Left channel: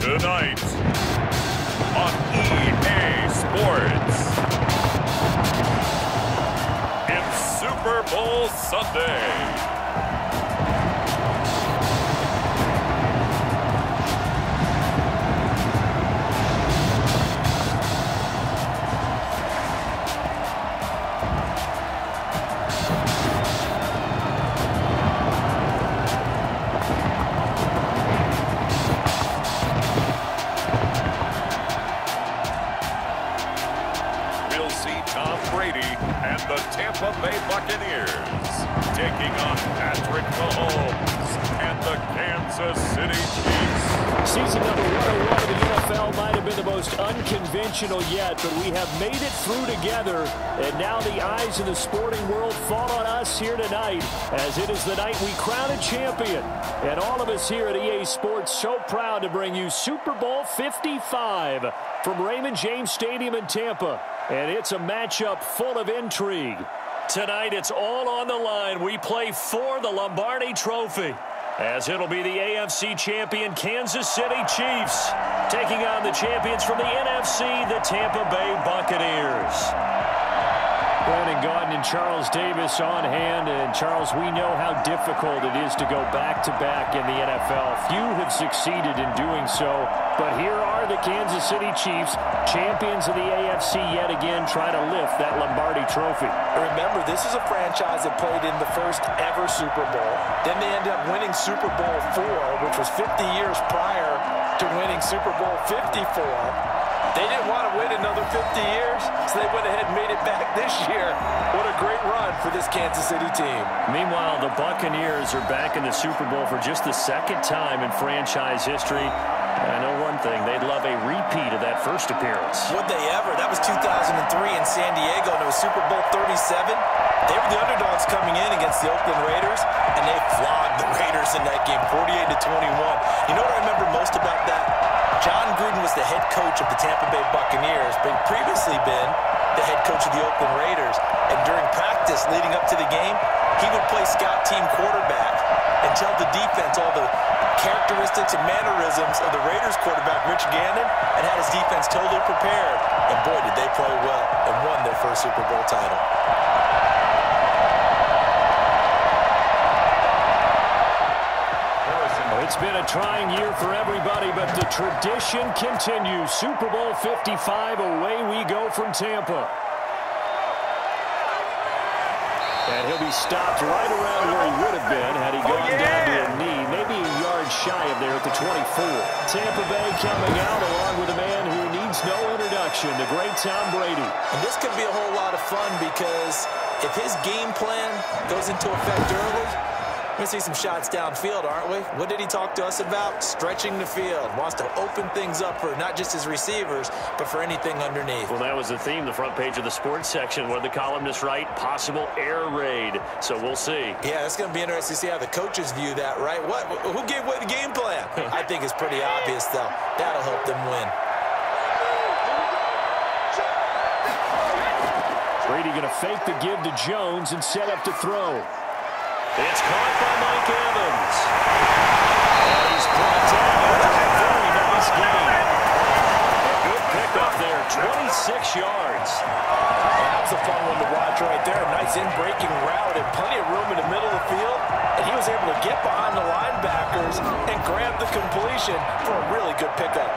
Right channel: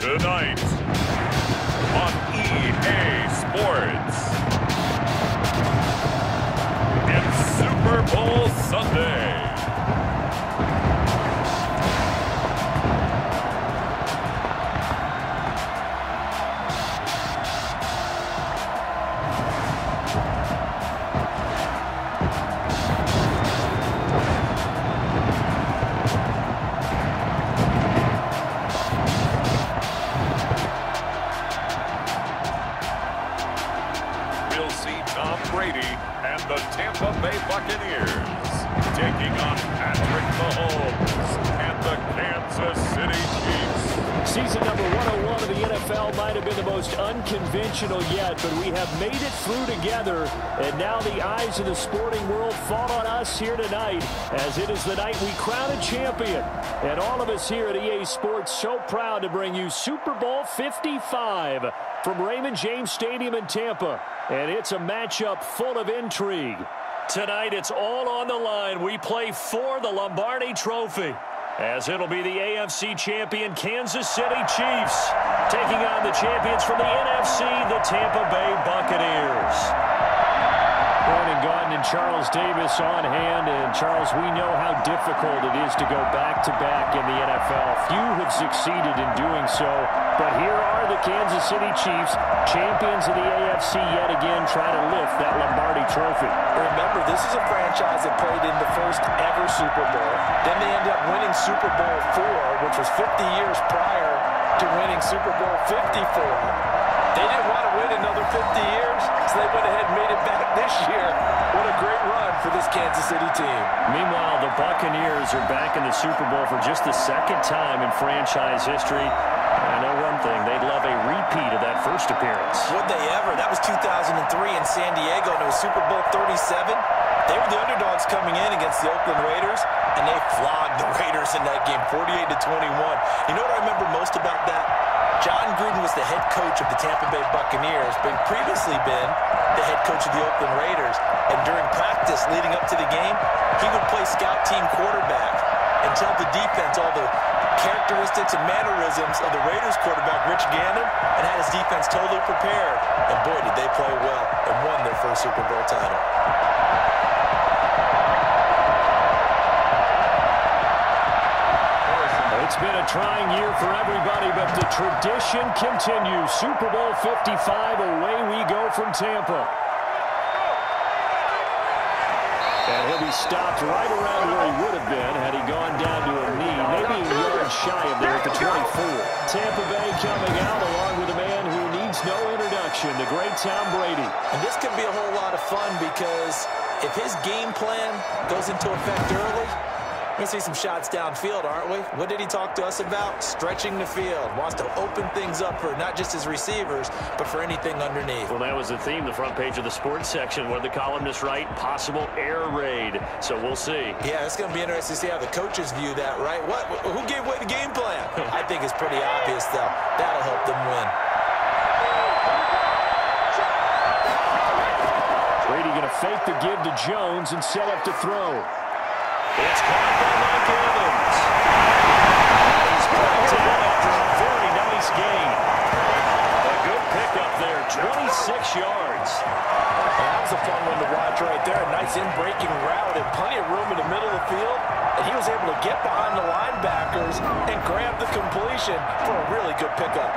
Tonight on EA Sports, it's Super Bowl Sunday. We'll see Tom Brady and the Tampa Bay Buccaneers taking on Patrick Mahomes and the Kansas City Chiefs. Season number 101 of the NFL might have been the most unconventional yet, but we have made it through together, and now the eyes of the sporting world fall on us here tonight, as it is the night we crown a champion. And all of us here at EA Sports so proud to bring you Super Bowl 55 from Raymond James Stadium in Tampa. And it's a matchup full of intrigue. Tonight, it's all on the line. We play for the Lombardi Trophy, as it'll be the AFC champion Kansas City Chiefs taking on the champions from the NFC, the Tampa Bay Buccaneers. Brandon Gaudin and Charles Davis on hand. And, Charles, we know how difficult it is to go back-to-back in the NFL. Few have succeeded in doing so. But here are the Kansas City Chiefs, champions of the AFC yet again, try to lift that Lombardi Trophy. Remember, this is a franchise that played in the first ever Super Bowl. Then they ended up winning Super Bowl IV, which was 50 years prior to winning Super Bowl 54. They didn't want to wait another 50 years, so they went ahead and made it back this year. What a great run for this Kansas City team. Meanwhile, the Buccaneers are back in the Super Bowl for just the second time in franchise history. I know one thing, they'd love a repeat of that first appearance. Would they ever? That was 2003 in San Diego, and it was Super Bowl 37. They were the underdogs coming in against the Oakland Raiders, and they flogged the Raiders in that game, 48-21. You know what I remember most about that? John Gruden was the head coach of the Tampa Bay Buccaneers, but he'd previously been the head coach of the Oakland Raiders. And during practice leading up to the game, he would play scout team quarterback and tell the defense all the characteristics and mannerisms of the Raiders quarterback, Rich Gannon, and had his defense totally prepared. And boy, did they play well and won their first Super Bowl title. It's been a trying year for everybody, but the tradition continues. Super Bowl 55, away we go from Tampa. And he'll be stopped right around where he would have been had he gone down to a knee, maybe a yard shy of there at the 24. Tampa Bay coming out along with a man who needs no introduction, the great Tom Brady. And this could be a whole lot of fun because if his game plan goes into effect early, we're going to see some shots downfield, aren't we? What did he talk to us about? Stretching the field. Wants to open things up for not just his receivers, but for anything underneath. Well, that was the theme, the front page of the sports section. What did the columnists write? Possible air raid. So we'll see. Yeah, it's going to be interesting to see how the coaches view that, right? Who gave away the game plan? I think it's pretty obvious, though. That'll help them win. Brady going to fake the give to Jones and set up to throw. It's caught by Mike Evans. And he's brought down after a very nice gain. A good pickup there, 26 yards. That was a fun one to watch right there. A nice in-breaking route and plenty of room in the middle of the field. And he was able to get behind the linebackers and grab the completion for a really good pickup.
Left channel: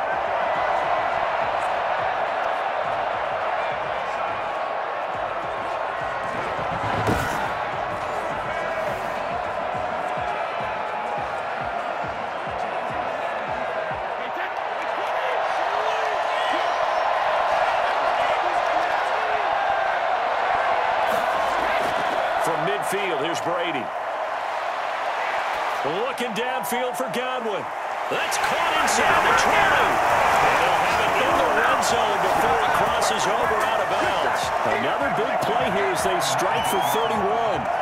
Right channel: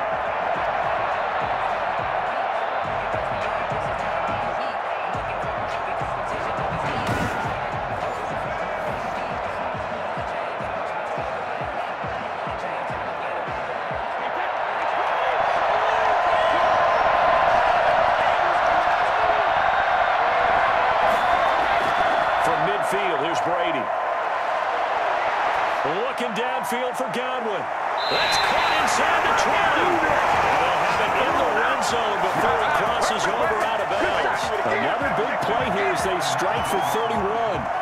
Midfield, here's Brady. Looking downfield for Godwin. That's caught inside the 20. And they'll have it in the red zone before he crosses over out of bounds. Another big play here as they strike for 31.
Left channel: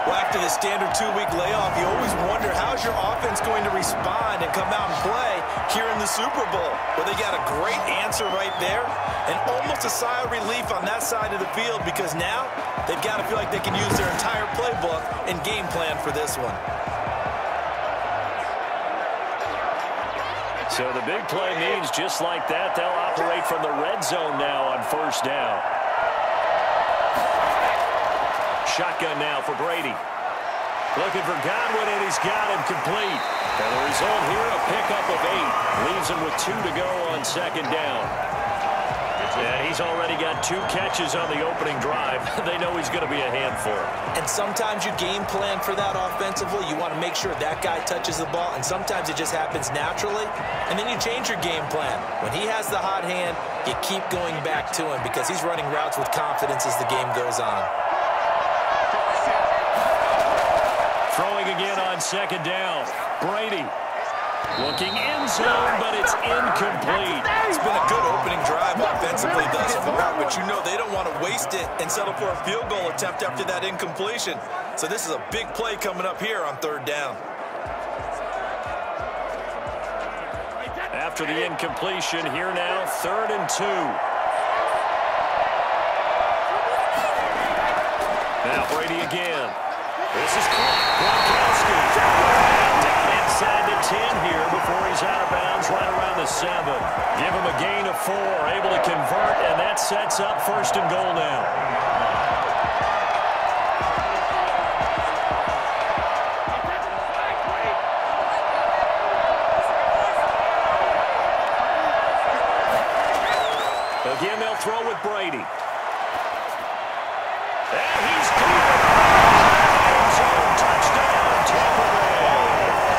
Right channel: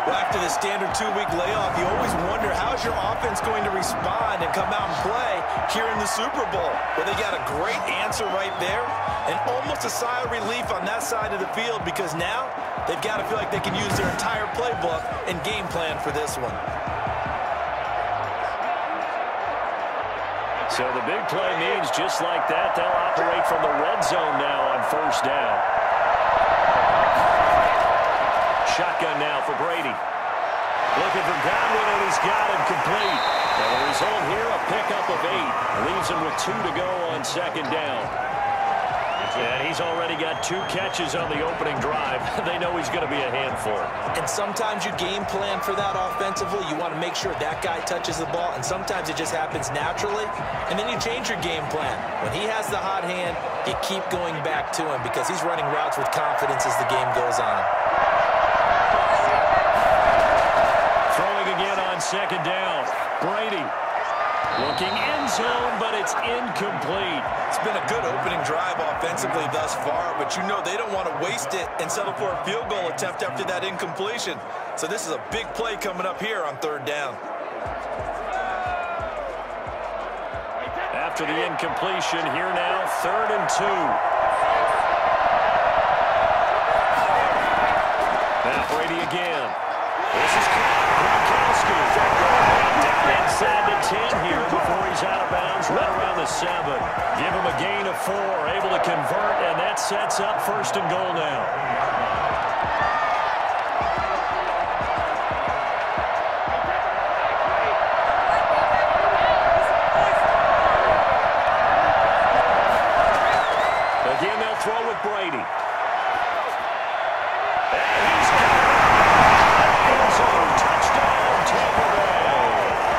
Well, after the standard 2-week layoff, you always wonder how's your offense going to respond and come out and play here in the Super Bowl. Well, they got a great answer right there and almost a sigh of relief on that side of the field because now they've got to feel like they can use their entire playbook and game plan for this one. So the big play means just like that, they'll operate from the red zone now on first down. Shotgun now for Brady. Looking for Godwin, and he's got him complete. And the result here, a pickup of 8. Leaves him with 2 to go on second down. And he's already got 2 catches on the opening drive. They know he's going to be a handful. And sometimes you game plan for that offensively. You want to make sure that guy touches the ball, and sometimes it just happens naturally. And then you change your game plan. When he has the hot hand, you keep going back to him because he's running routes with confidence as the game goes on. Throwing again on second down. Brady looking end zone, but it's incomplete. It's been a good opening drive offensively thus far, but you know they don't want to waste it and settle for a field goal attempt after that incompletion. So this is a big play coming up here on third down. After the incompletion, here now, 3rd and 2. Now Brady again. This is Gronkowski. Down inside the 10 here before he's out of bounds right around the 7. Give him a gain of 4, able to convert, and that sets up 1st and goal now. Again, they'll throw with Brady. And he's got it. Touchdown, Tampa Bay.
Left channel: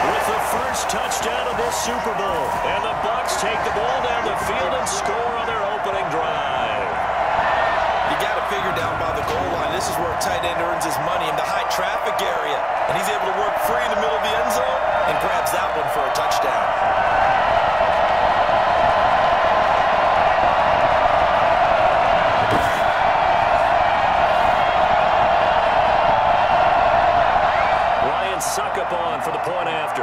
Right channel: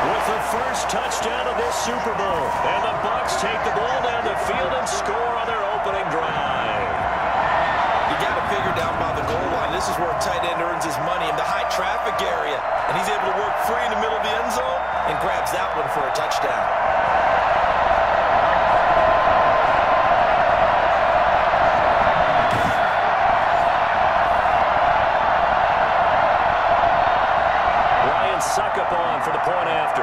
With the first touchdown of this Super Bowl. And the Bucs take the ball down the field and score on their opening drive. You got to figure down by the goal line. This is where a tight end earns his money in the high traffic area. And he's able to work free in the middle of the end zone and grabs that one for a touchdown. Suck up on for the point after.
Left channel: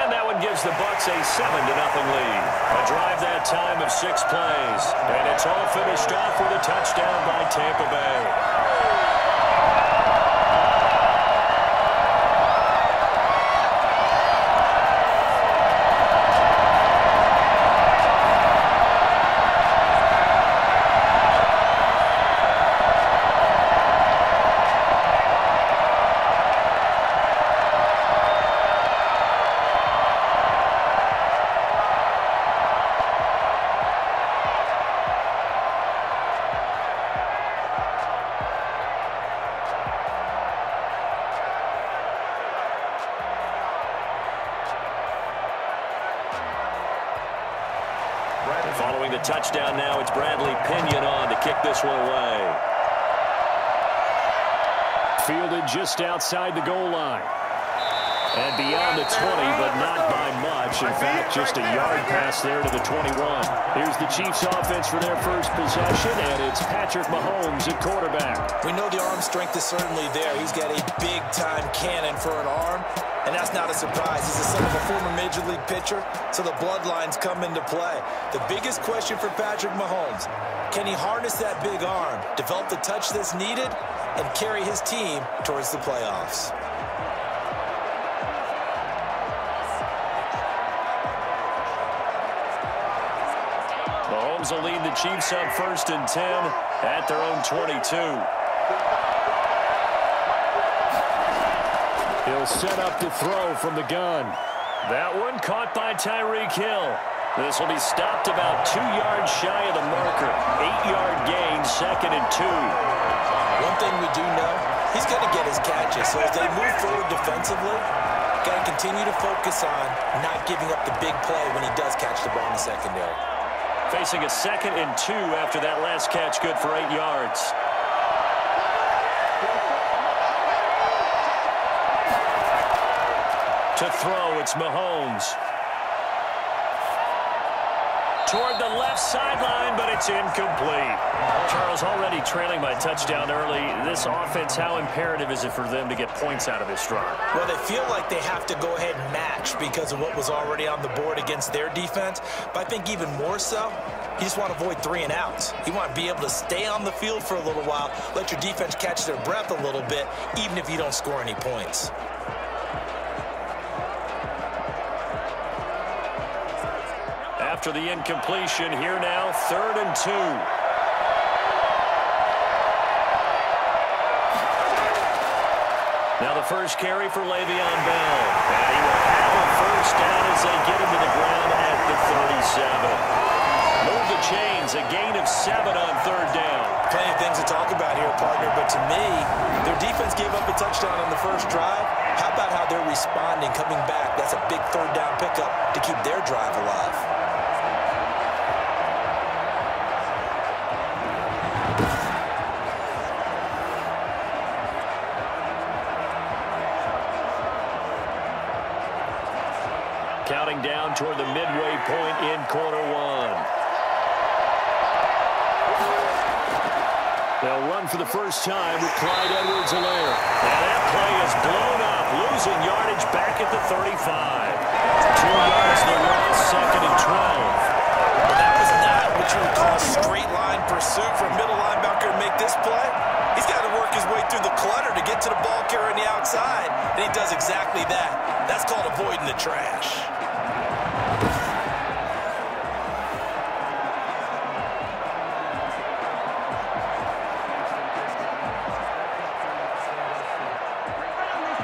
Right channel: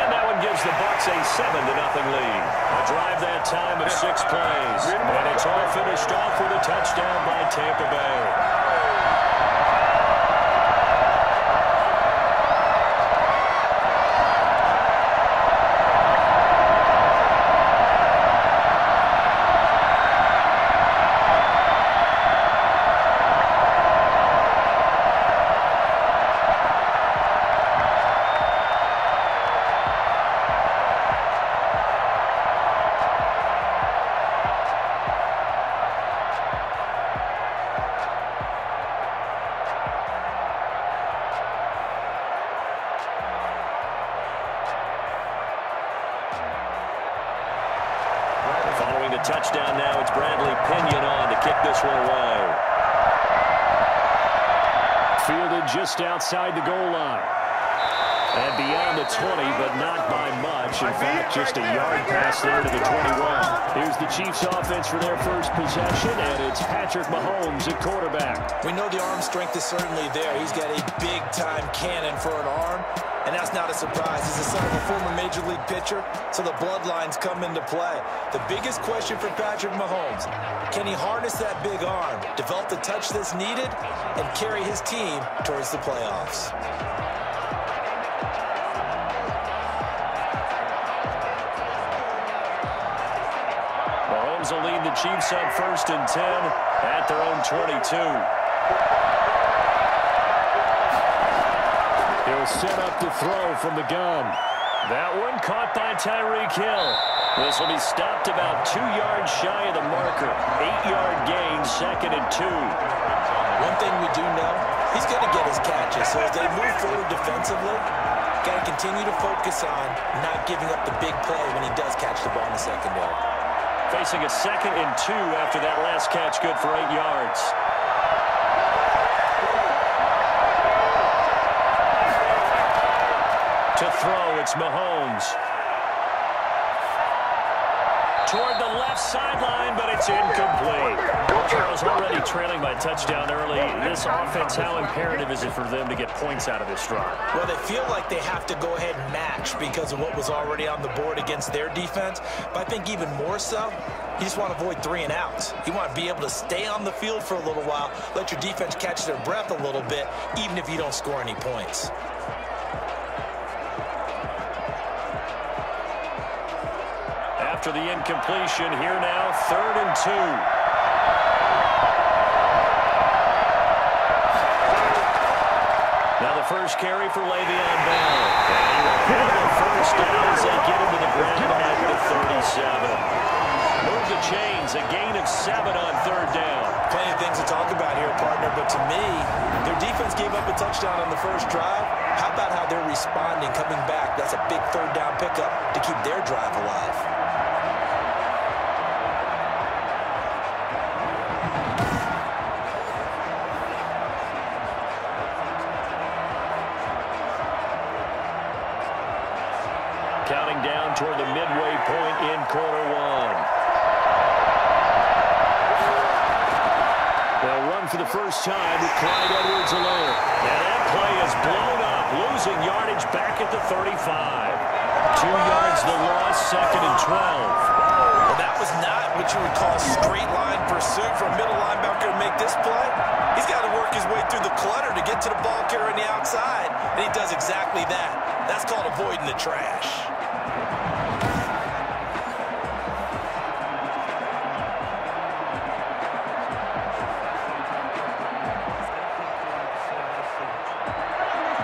And that one gives the Bucs a 7-0 lead. A drive that time of 6 plays. And it's all finished off with a touchdown by Tampa Bay. Following the touchdown now, it's Bradley Pinion on to kick this one away. Fielded just outside the goal line. And beyond the 20, but not by much. In fact, just a yard pass there to the 21. Here's the Chiefs offense for their first possession, and it's Patrick Mahomes at quarterback. We know the arm strength is certainly there. He's got a big-time cannon for an arm, and that's not a surprise. He's the son of a former Major League pitcher, so the bloodlines come into play. The biggest question for Patrick Mahomes, can he harness that big arm, develop the touch that's needed, and carry his team towards the playoffs? Mahomes will lead the Chiefs up 1st and 10 at their own 22. He'll set up to throw from the gun. That one caught by Tyreek Hill. This will be stopped about 2 yards shy of the marker. 8-yard gain, 2nd and 2. One thing we do know, he's going to get his catches. So as they move forward defensively, got to continue to focus on not giving up the big play when he does catch the ball in the secondary. Facing a 2nd and 2 after that last catch, good for 8 yards. To throw, it's Mahomes. Toward the left sideline, but it's incomplete. Charles, already trailing by touchdown early. This offense, how imperative is it for them to get points out of this drive? Well, they feel like they have to go ahead and match because of what was already on the board against their defense. But I think even more so, you just want to avoid 3 and outs. You want to be able to stay on the field for a little while, let your defense catch their breath a little bit, even if you don't score any points. after the incompletion. Here now, 3rd and 2. Now the first carry for Le'Veon Bell. And he will have a first down as they get him to the ground at the 37. Move the chains, a gain of 7 on 3rd down. Plenty of things to talk about here, partner, but to me, their defense gave up a touchdown on the first drive. How about how they're responding, coming back? That's a big 3rd down pickup to keep their drive alive. Counting down toward the midway point in quarter 1. They'll run for the first time with Clyde Edwards-Helaire. And that play is blown up, losing yardage back at the 35. 2 yards the loss, 2nd and 12. Well, that was not what you would call straight line pursuit for a middle linebacker to make this play. He's got to work his way through the clutter to get to the ball carrier on the outside, and he does exactly that. That's called avoiding the trash.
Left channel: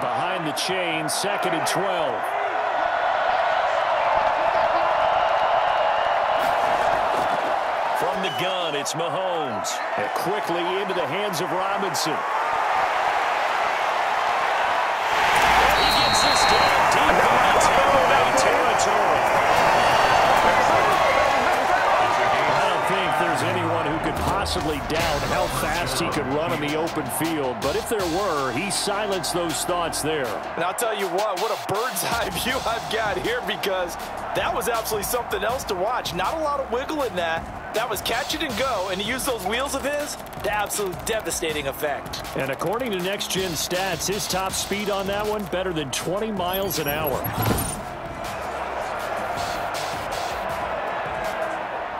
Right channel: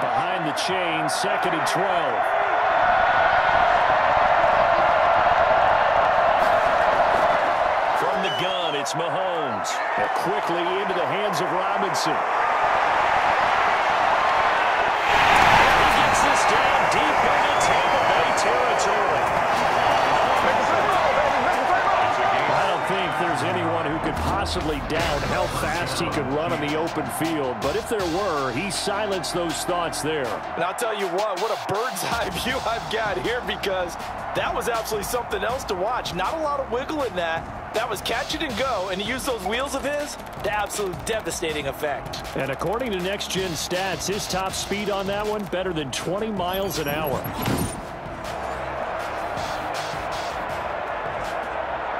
Behind the chain, 2nd and 12. From the gun, it's Mahomes. And quickly into the hands of Robinson. And he gets this down deep into Tampa Bay territory. I don't think there's anyone who could possibly doubt how fast he could run on the open field. But if there were, he silenced those thoughts there. And I'll tell you what a bird's eye view I've got here, because that was absolutely something else to watch. Not a lot of wiggle in that. That was catch it and go, and he used those wheels of his to absolute devastating effect. And according to Next Gen Stats, his top speed on that one, better than 20 miles an hour.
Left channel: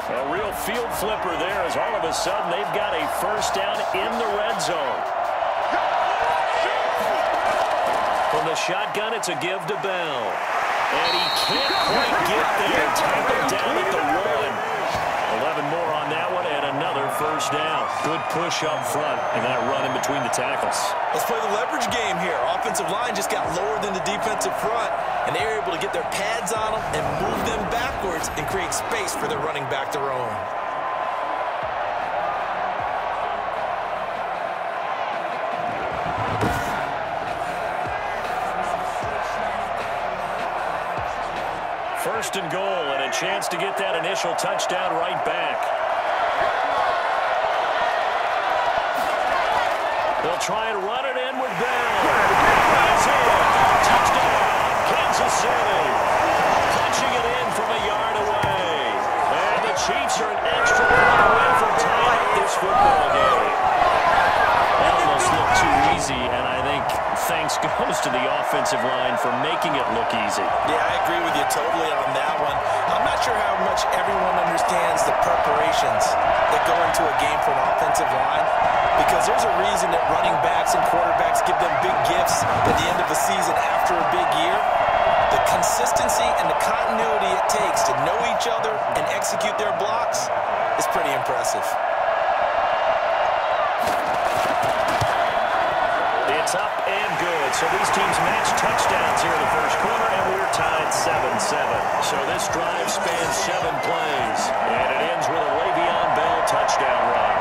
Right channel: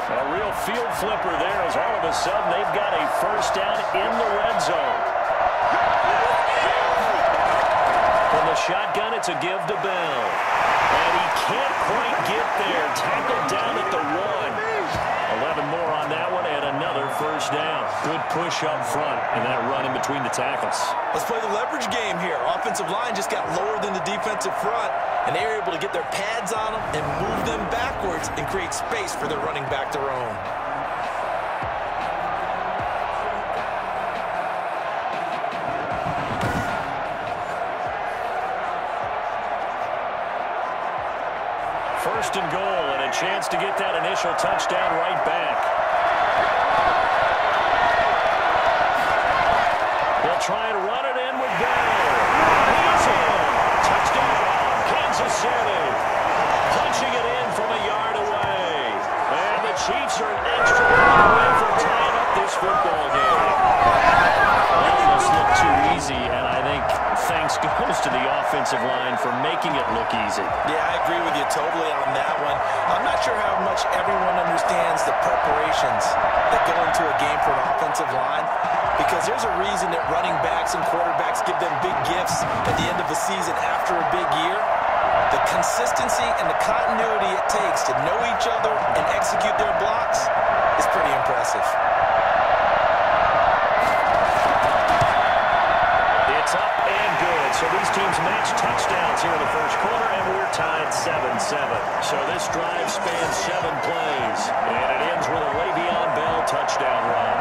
A real field flipper there, as all of a sudden they've got a first down in the red zone. From the shotgun, it's a give to Bell. And he can't quite get there. Tackled down at the 1. 11 more on that one, and another first down. Good push up front, and that run in between the tackles. Let's play the leverage game here. Offensive line just got lower than the defensive front, and they were able to get their pads on them and move them backwards and create space for their running back to roam. First and goal, and a chance to get that initial touchdown right back. They'll try and run it in with Bell. He's in. Touchdown, Kansas City. Punching it in from a yard away. And the Chiefs are an extra point away from tying up this football game. That almost looked too easy, and I think thanks goes to the offensive line for making it look easy. Yeah, I agree with you totally on that one. I'm not sure how much everyone understands the preparations that go into a game for an offensive line, because there's a reason that running backs and quarterbacks give them big gifts at the end of the season after a big year. The consistency and the continuity it takes to know each other and execute their blocks is pretty impressive. It's up and good. So these teams match touchdowns here in the first quarter, and we're tied 7-7. So this drive spans 7 plays, and it ends with a Le'Veon Bell touchdown run.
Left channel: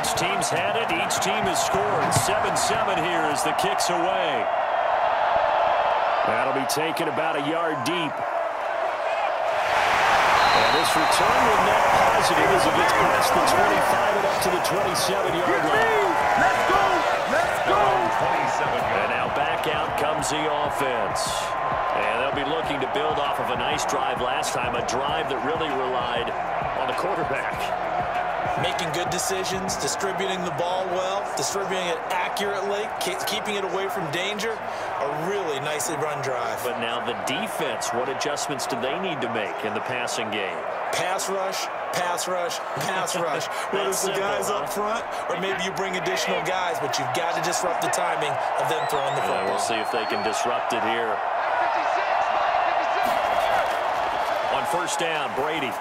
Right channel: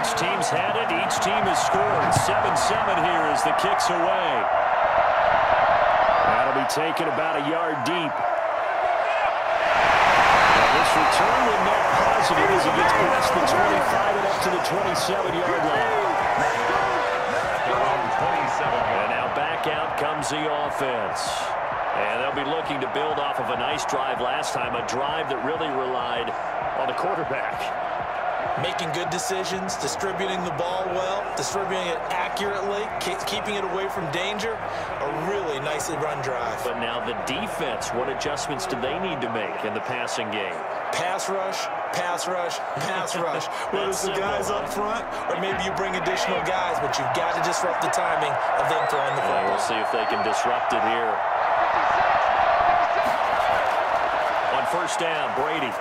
Each team's had it. Each team has scored. 7-7 here as the kick's away. That'll be taken about a yard deep. And this return will net positive as he gets past the 25 and up to the 27-yard line. Let's go. 27 yards. And now back out comes the offense. And they'll be looking to build off of a nice drive last time, a drive that really relied on the quarterback. Making good decisions, distributing the ball well, distributing it accurately, keeping it away from danger. A really nicely run drive. But now the defense, what adjustments do they need to make in the passing game? Pass rush, pass rush, pass rush. Whether it's the guys up front or maybe you bring additional guys, but you've got to disrupt the timing of them throwing the football. We'll see if they can disrupt it here. On first down, Brady.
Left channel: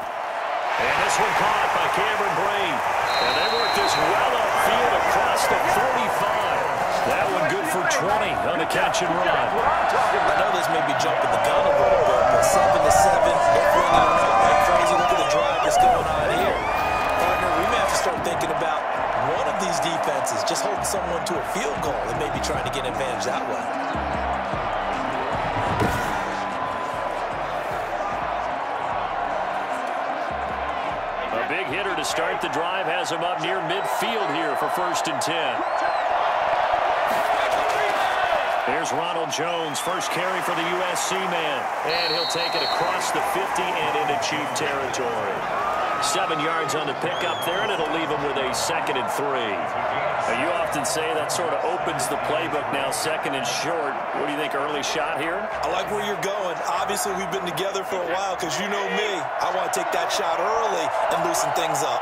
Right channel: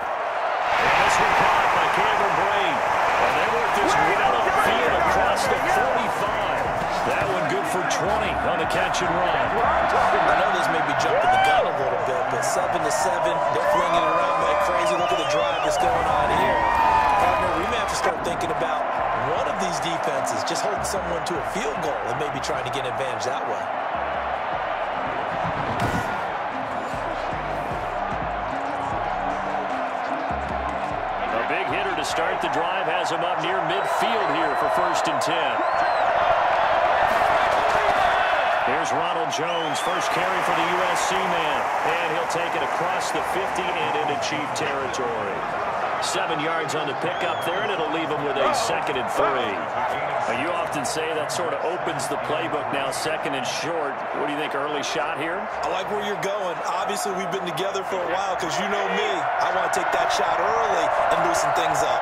And this one caught by Cameron Brate. And they work this well upfield across the 45. That one good for 20 on the catch and run. I know this may be jumping the gun a little bit, but 7-7, they're flinging it around like crazy. Look at the drive that's going on here. Partner, we may have to start thinking about one of these defenses just holding someone to a field goal and maybe trying to get an advantage that way. Big hitter to start the drive, has him up near midfield here for 1st and 10. Here's Ronald Jones, first carry for the USC man. And he'll take it across the 50 and into Chief territory. 7 yards on the pickup there, and it'll leave him with a 2nd and 3. Now, you often say that sort of opens the playbook now, 2nd and short. What do you think, early shot here? I like where you're going. Obviously, we've been together for a while because you know me. I want to take that shot early and loosen things up.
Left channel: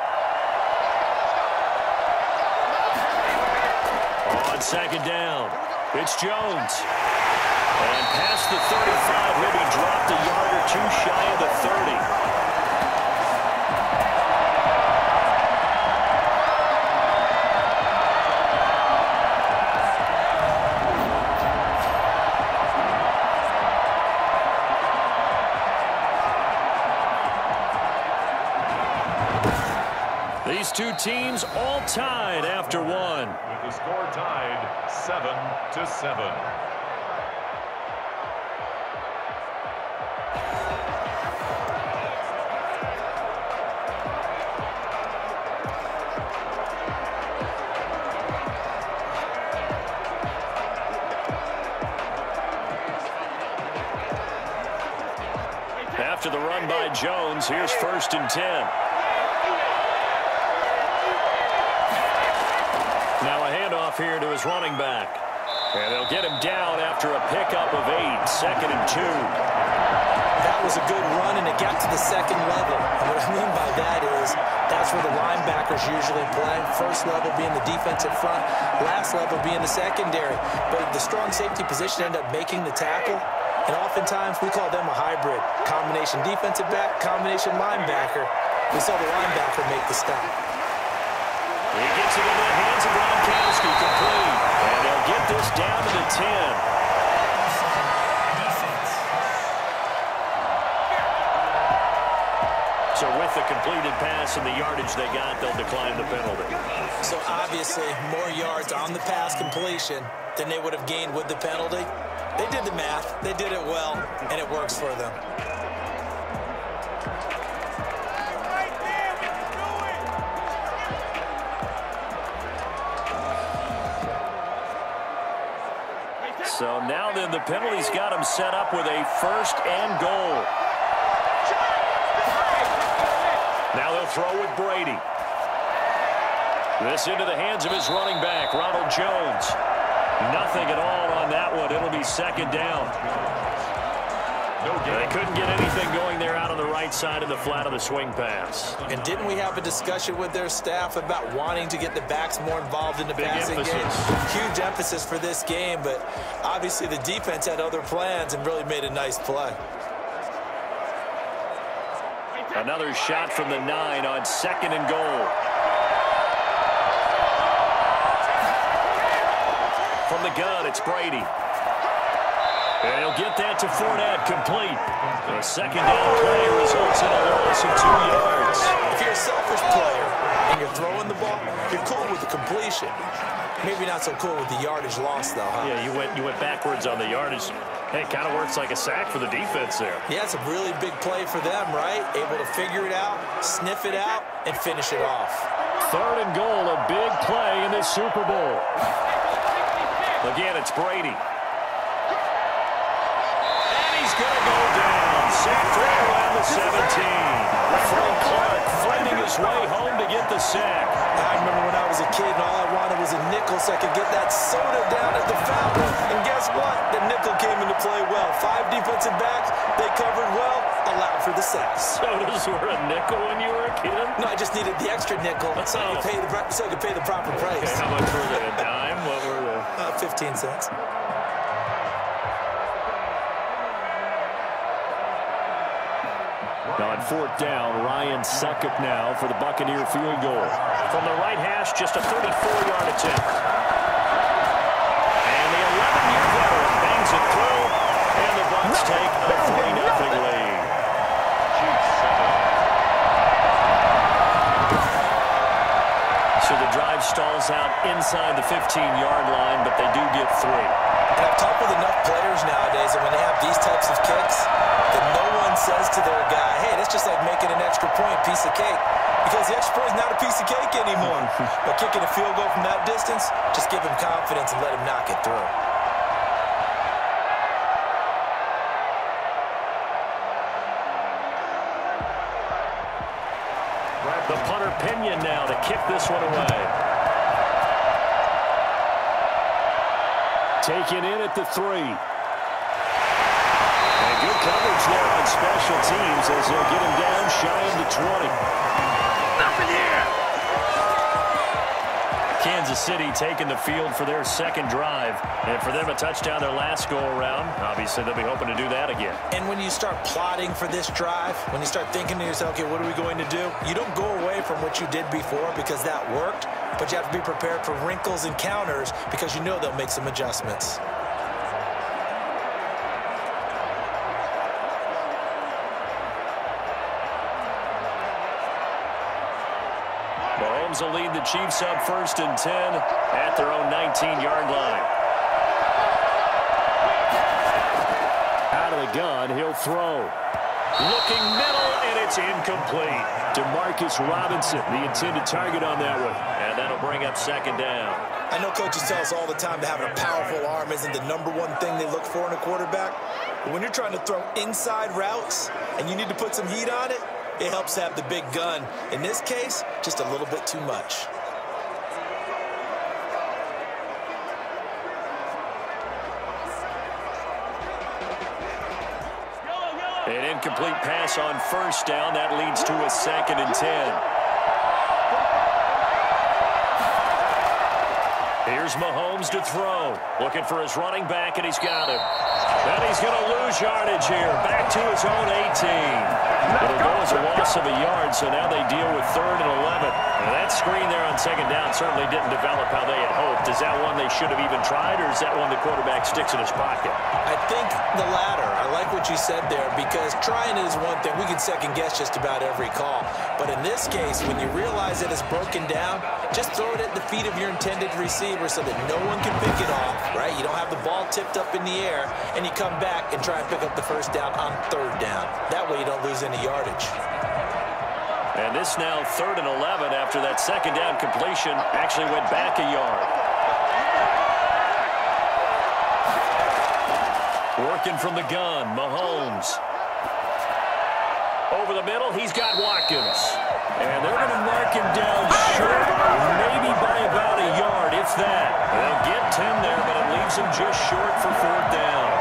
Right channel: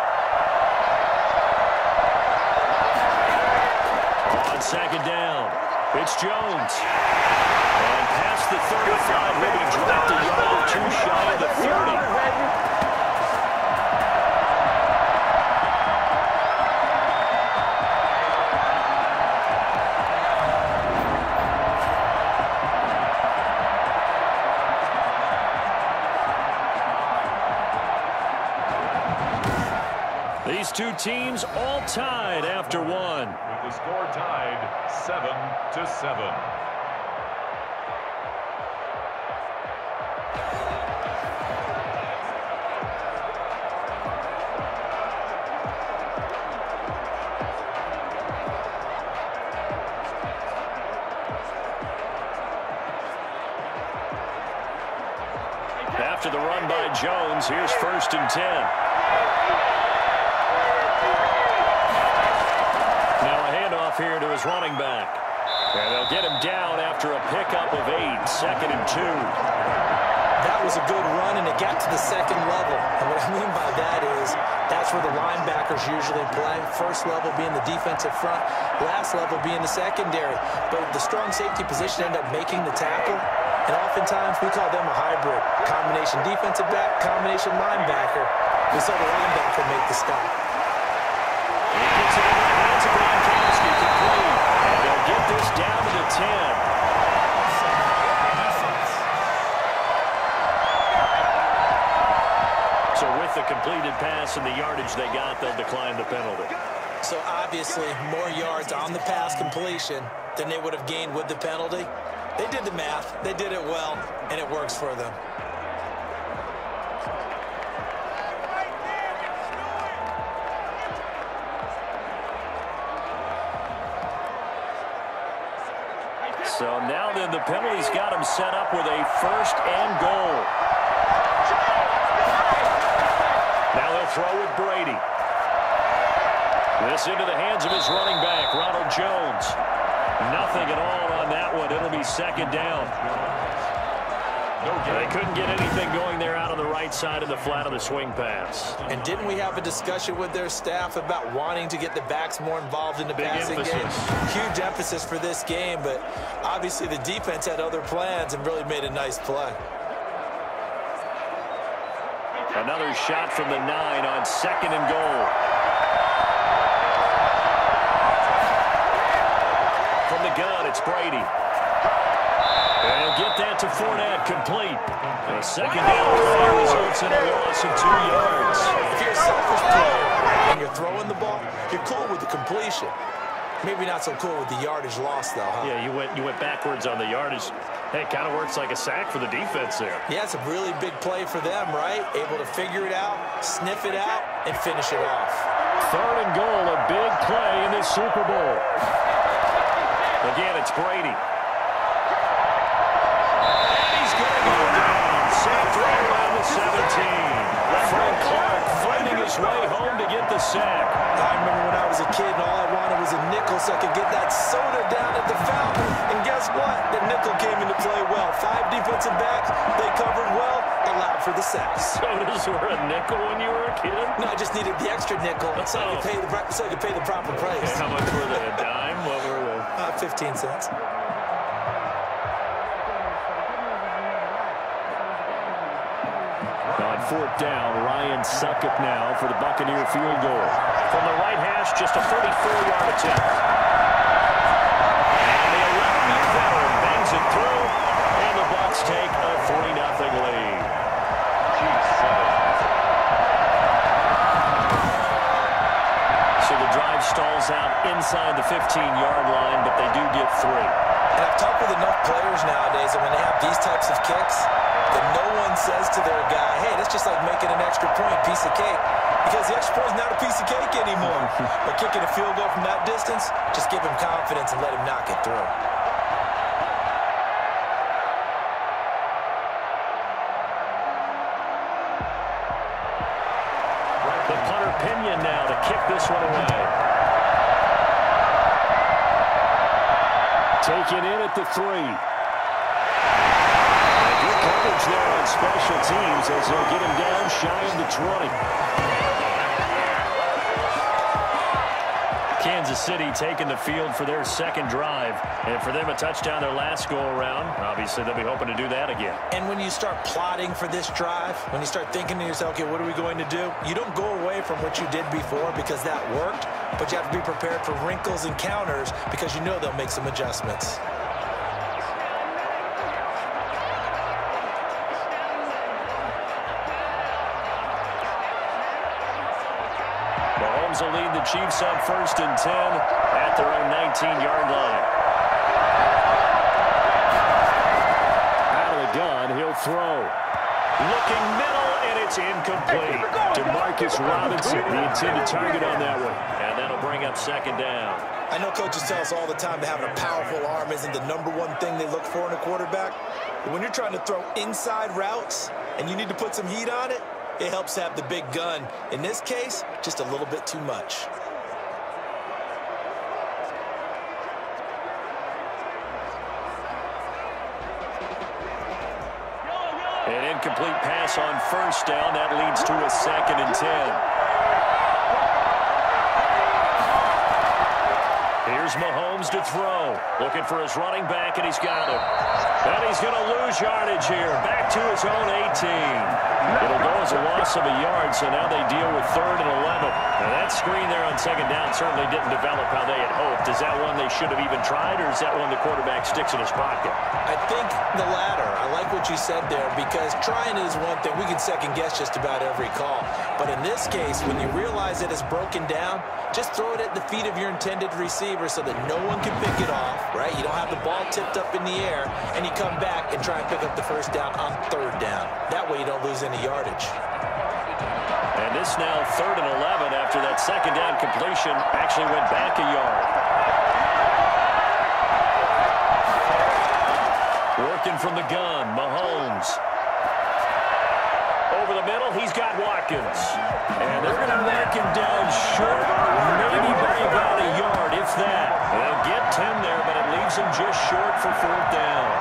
On 2nd down, it's Jones. And past the 35, maybe dropped a yard or two shy of the 30. These two teams all tied after one. With the score tied 7-7. After the run by Jones, here's 1st and 10. Now a handoff here to his running back. And they'll get him down after a pickup of 8, 2nd and 2. That was a good run, and it got to the 2nd level. And what I mean by that is that's where the linebackers usually play. First level being the defensive front, last level being the secondary. But the strong safety position ended up making the tackle. And oftentimes we call them a hybrid. Combination defensive back, combination linebacker. We saw the linebacker make the stop. He gets it into the hands of Gronkowski, complete. And they'll get this down to the 10. So with the completed pass and the yardage they got, they'll decline the penalty. So obviously more yards on the pass completion than they would have gained with the penalty. They did the math, they did it well, and it works for them. So now then the penalty's got him set up with a 1st and goal. Now they'll throw with Brady. This into the hands of his running back, Ronald Jones. Nothing at all on that one. It'll be 2nd down. They couldn't get anything going there out on the right side of the flat of the swing pass. And didn't we have a discussion with their staff about wanting to get the backs more involved in the passing game? Huge emphasis for this game, but obviously the defense had other plans and really made a nice play. Another shot from the 9 on 2nd and goal. From the gun, it's Brady. And he'll get that to Fournette, complete. A 2nd down play results in a loss of 2 yards. If you're a selfish player and you're throwing the ball, you're cool with the completion. Maybe not so cool with the yardage loss, though, huh? Yeah, you went backwards on the yardage. Hey, it kind of works like a sack for the defense there. Yeah, it's a really big play for them, right? Able to figure it out, sniff it out, and finish it off. 3rd and goal, a big play in this Super Bowl. Again, it's Brady. And he's going to go down. Sacked right around the 17. Frank Clark fighting his way home to get the sack. I remember when I was a kid and all I wanted was a nickel so I could get that soda down at the fountain. And guess what? The nickel came into play well. 5 defensive backs, they covered well, allowed for the sacks. Sodas were a nickel when you were a kid? No, I just needed the extra nickel so I could pay the proper price. Okay, how much were they? A dime? What were they? 15 cents. On 4th down, Ryan Suckup now for the Buccaneer field goal. From the right hash, just a 34-yard attempt. And the 11-year veteran bangs it through, and the Bucs take a 3-0 lead. So the drive stalls out inside the 15-yard line, but they do get 3. And I've talked with enough players nowadays that when they have these types of kicks, that no one says to their guy, hey, that's just like making an extra point, piece of cake. Because the extra point is not a piece of cake anymore. But kicking a field goal from that distance, just give him confidence and let him knock it through. The punter Pinion now to kick this one away. Taken in at the 3. And good coverage there on special teams as they'll get him down shy of the 20. Kansas City taking the field for their second drive. And for them, a touchdown their last go-around. Obviously, they'll be hoping to do that again. And when you start plotting for this drive, when you start thinking to yourself, okay, what are we going to do? You don't go away from what you did before because that worked, but you have to be prepared for wrinkles and counters because you know they'll make some adjustments. Mahomes will lead the Chiefs up 1st and 10 at their own 19-yard line. Out of the gun, he'll throw. Looking middle, and it's incomplete. DeMarcus Robinson, the intended target on that one. And that'll bring up 2nd down. I know coaches tell us all the time that having a powerful arm isn't the #1 thing they look for in a quarterback. But when you're trying to throw inside routes and you need to put some heat on it, it helps have the big gun. In this case, just a little bit too much. An incomplete pass on 1st down. That leads to a 2nd and 10. Here's Mahomes to throw. Looking for his running back, and he's got him. And he's going to lose yardage here. Back to his own 18. It'll go as a loss of a yard, so now they deal with 3rd and 11. Now that screen there on 2nd down certainly didn't develop how they had hoped. Is that one they should have even tried, or is that one the quarterback sticks in his pocket? I think the latter. I like what you said there because trying is one thing. We can second-guess just about every call. But in this case, when you realize that it's broken down, just throw it at the feet of your intended receiver so that no one can pick it off, right? You don't have the ball tipped up in the air, and you come back and try and pick up the 1st down on 3rd down. That way you don't lose any yardage. And this now 3rd and 11 after that 2nd down completion actually went back a yard. Working from the gun, Mahomes. Over the middle, he's got Watkins. And they're going to mark him down short, maybe by about a yard, if that. They'll get 10 there, but it leaves him just short for 4th down.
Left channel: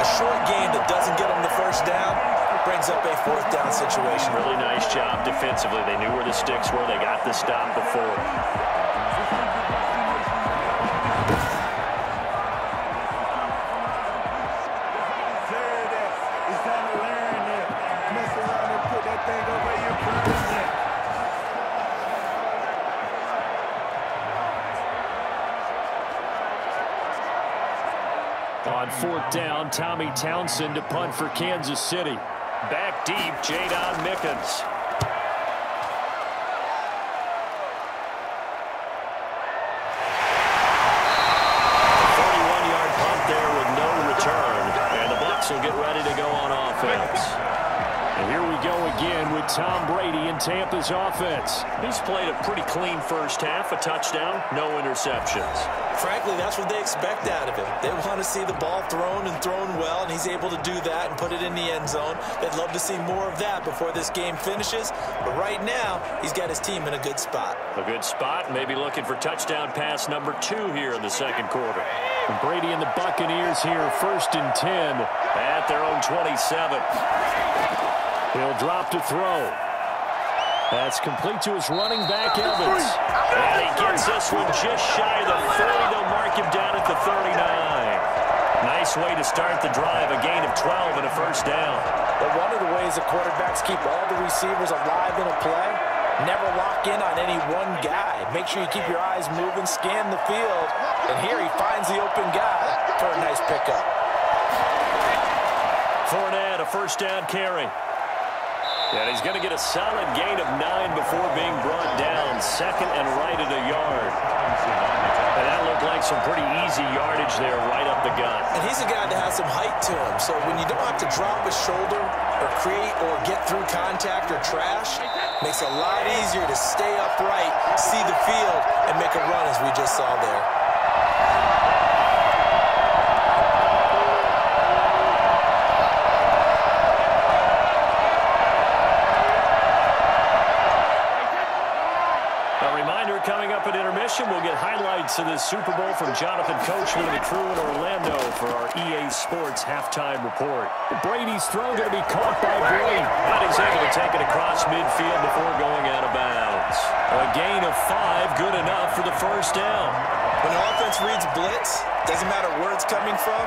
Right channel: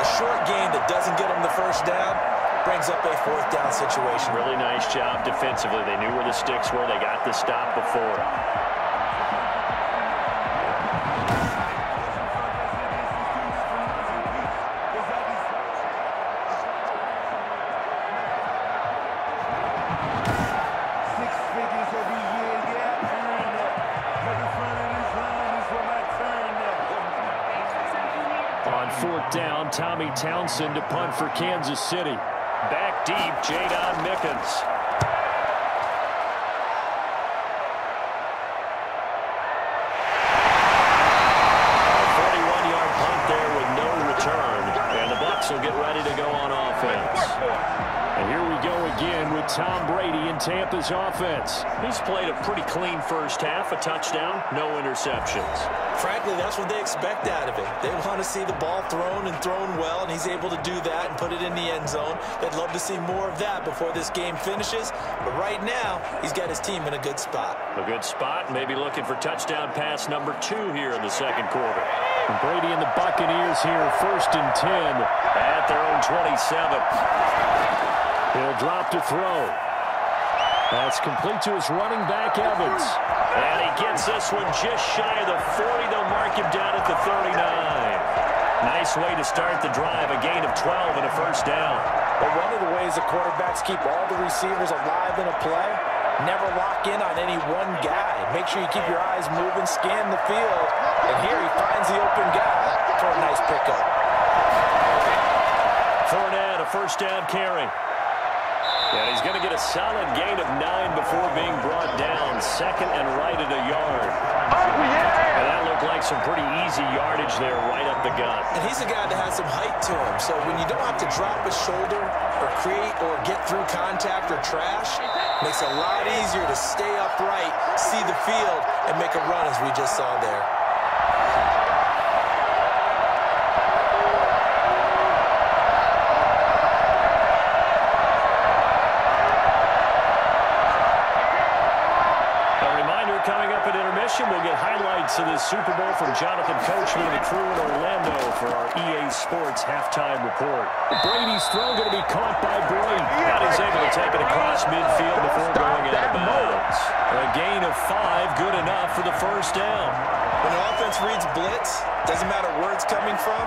A short gain that doesn't get them the 1st down brings up a 4th down situation. Really nice job defensively. They knew where the sticks were. They got the stop before. On 4th down, Tommy Townsend to punt for Kansas City. Back deep, Jadon Mickens. A 41-yard punt there with no return. And the Bucs will get ready to go on offense. And here we go again with Tom Brady in Tampa's offense. He's played a pretty clean first half, a touchdown, no interceptions. Frankly, that's what they expect out of him. They want to see the ball thrown and thrown well, and he's able to do that and put it in the end zone. They'd love to see more of that before this game finishes, but right now, he's got his team in a good spot. A good spot, maybe looking for touchdown pass number 2 here in the second quarter. And Brady and the Buccaneers here, 1st and 10. At their own 27. He'll drop to throw. That's complete to his running back, Evans. And he gets this one just shy of the 40. They'll mark him down at the 39. Nice way to start the drive, a gain of 12 and a first down. But one of the ways the quarterbacks keep all the receivers alive in a play, never lock in on any one guy. Make sure you keep your eyes moving, scan the field, and here he finds the open guy for a nice pickup. Fournette, a first down carry. And he's going to get a solid gain of 9 before being brought down. 2nd and right at a yard. And that looked like some pretty easy yardage there right up the gut. And he's a guy that has some height to him. So when you don't have to drop a shoulder or create or get through contact or trash, makes it a lot easier to stay upright, see the field, and make a run as we just saw there. Coming up at intermission, we'll get highlights of this Super Bowl from Jonathan Coachman and the crew in Orlando for our EA Sports halftime report. Brady's throw going to be caught by Bray. And he's able to take it across midfield before going out of bounds. A gain of 5, good enough for the first down. When the offense reads blitz, doesn't matter where it's coming from,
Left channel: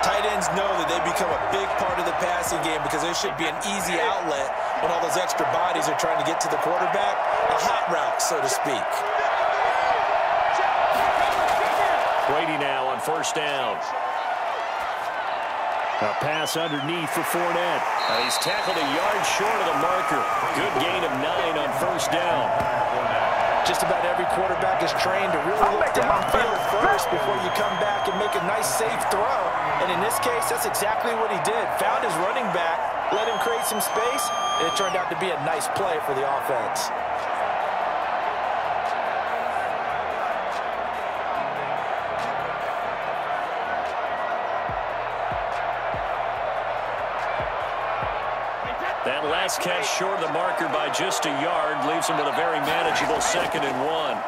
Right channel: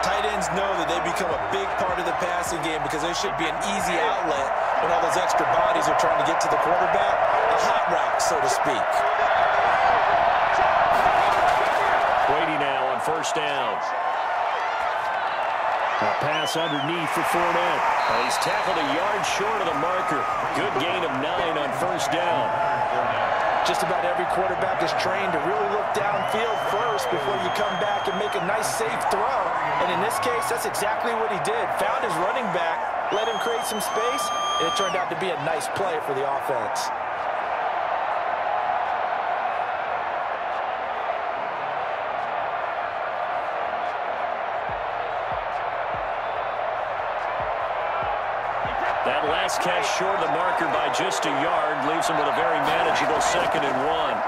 tight ends know that they become a big part of the passing game because there should be an easy outlet when all those extra bodies are trying to get to the quarterback. A hot route, so to speak. Brady now on first down. A pass underneath for Fournette. And he's tackled a yard short of the marker. Good gain of 9 on first down. Just about every quarterback is trained to really look downfield first before you come back and make a nice, safe throw. And in this case, that's exactly what he did. Found his running back, let him create some space, and it turned out to be a nice play for the offense. That last catch short of the marker by just a yard leaves him with a very manageable 2nd and 1.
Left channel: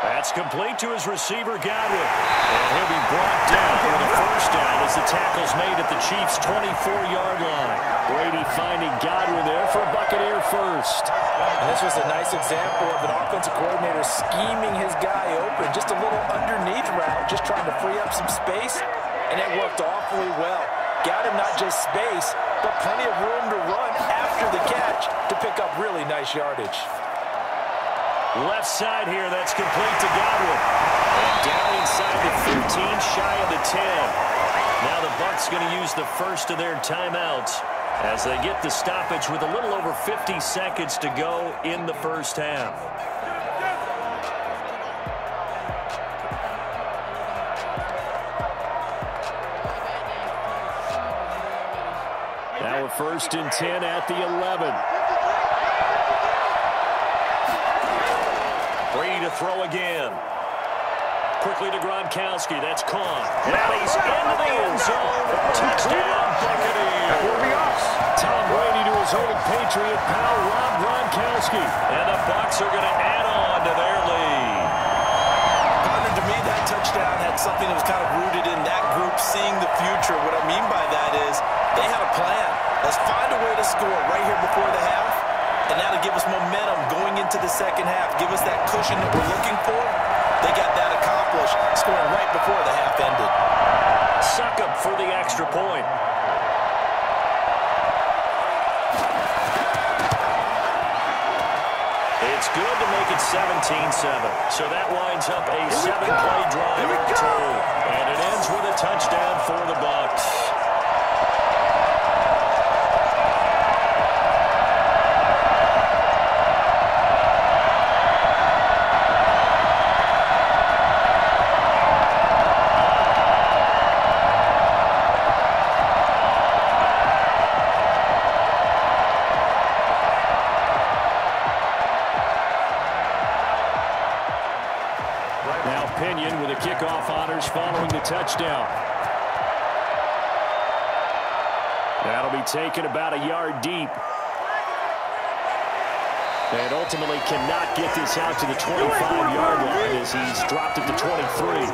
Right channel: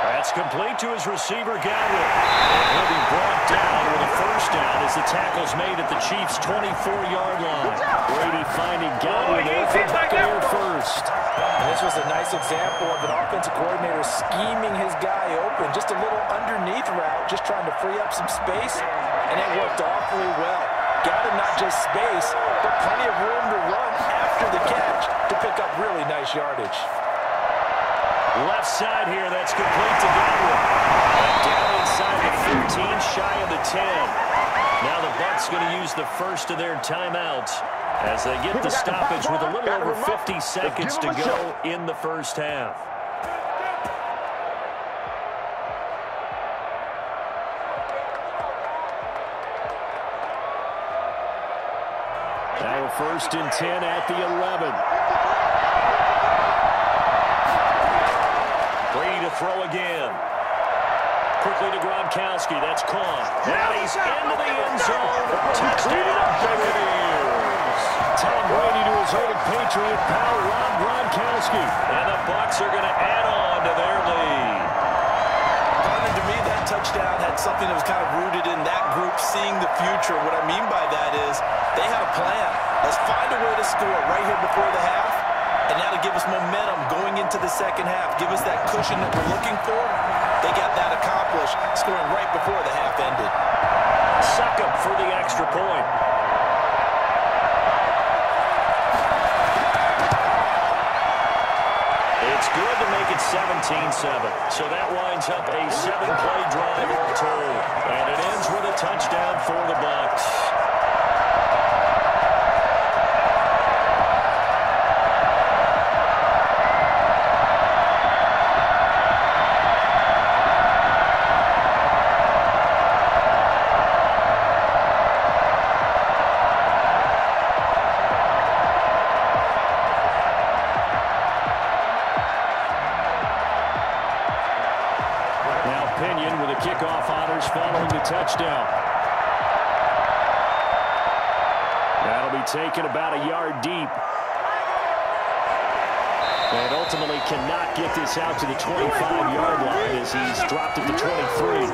That's complete to his receiver, Godwin. And he'll be brought down with a first down as the tackle's made at the Chiefs' 24-yard line. Brady finding Godwin there for Buccaneer first. And this was a nice example of an offensive coordinator scheming his guy open. Just a little underneath route, just trying to free up some space, and it worked awfully well. Got him not just space, but plenty of room to run after the catch to pick up really nice yardage. Left side here, that's complete to Godwin. And down inside the 15, shy of the 10. Now the Bucs going to use the first of their timeouts as they get the stoppage with a little over 50 seconds to go in the first half. Now a 1st and 10 at the 11. Brady to throw again. Quickly to Gronkowski. That's caught. Now he's into the end zone. Touchdown, Buccaneers. Tom Brady to his old Patriot pal, Rob Gronkowski. And the Bucs are going to add on to their lead. Partner, to me, that touchdown had something that was kind of rooted in that group seeing the future. What I mean by that is they had a plan. Let's find a way to score right here before the half, and that'll give us momentum going into the second half. Give us that cushion that we're looking for. They got that accomplished, scoring right before the half ended. Suck up for the extra point. It's good to make it 17-7. So that winds up a 7-play drive all told. And it ends with a touchdown for the Bucs. begin with the kickoff honors following the touchdown. That'll be taken about a yard deep. And ultimately cannot get this out to the 25-yard line as he's dropped at the 23.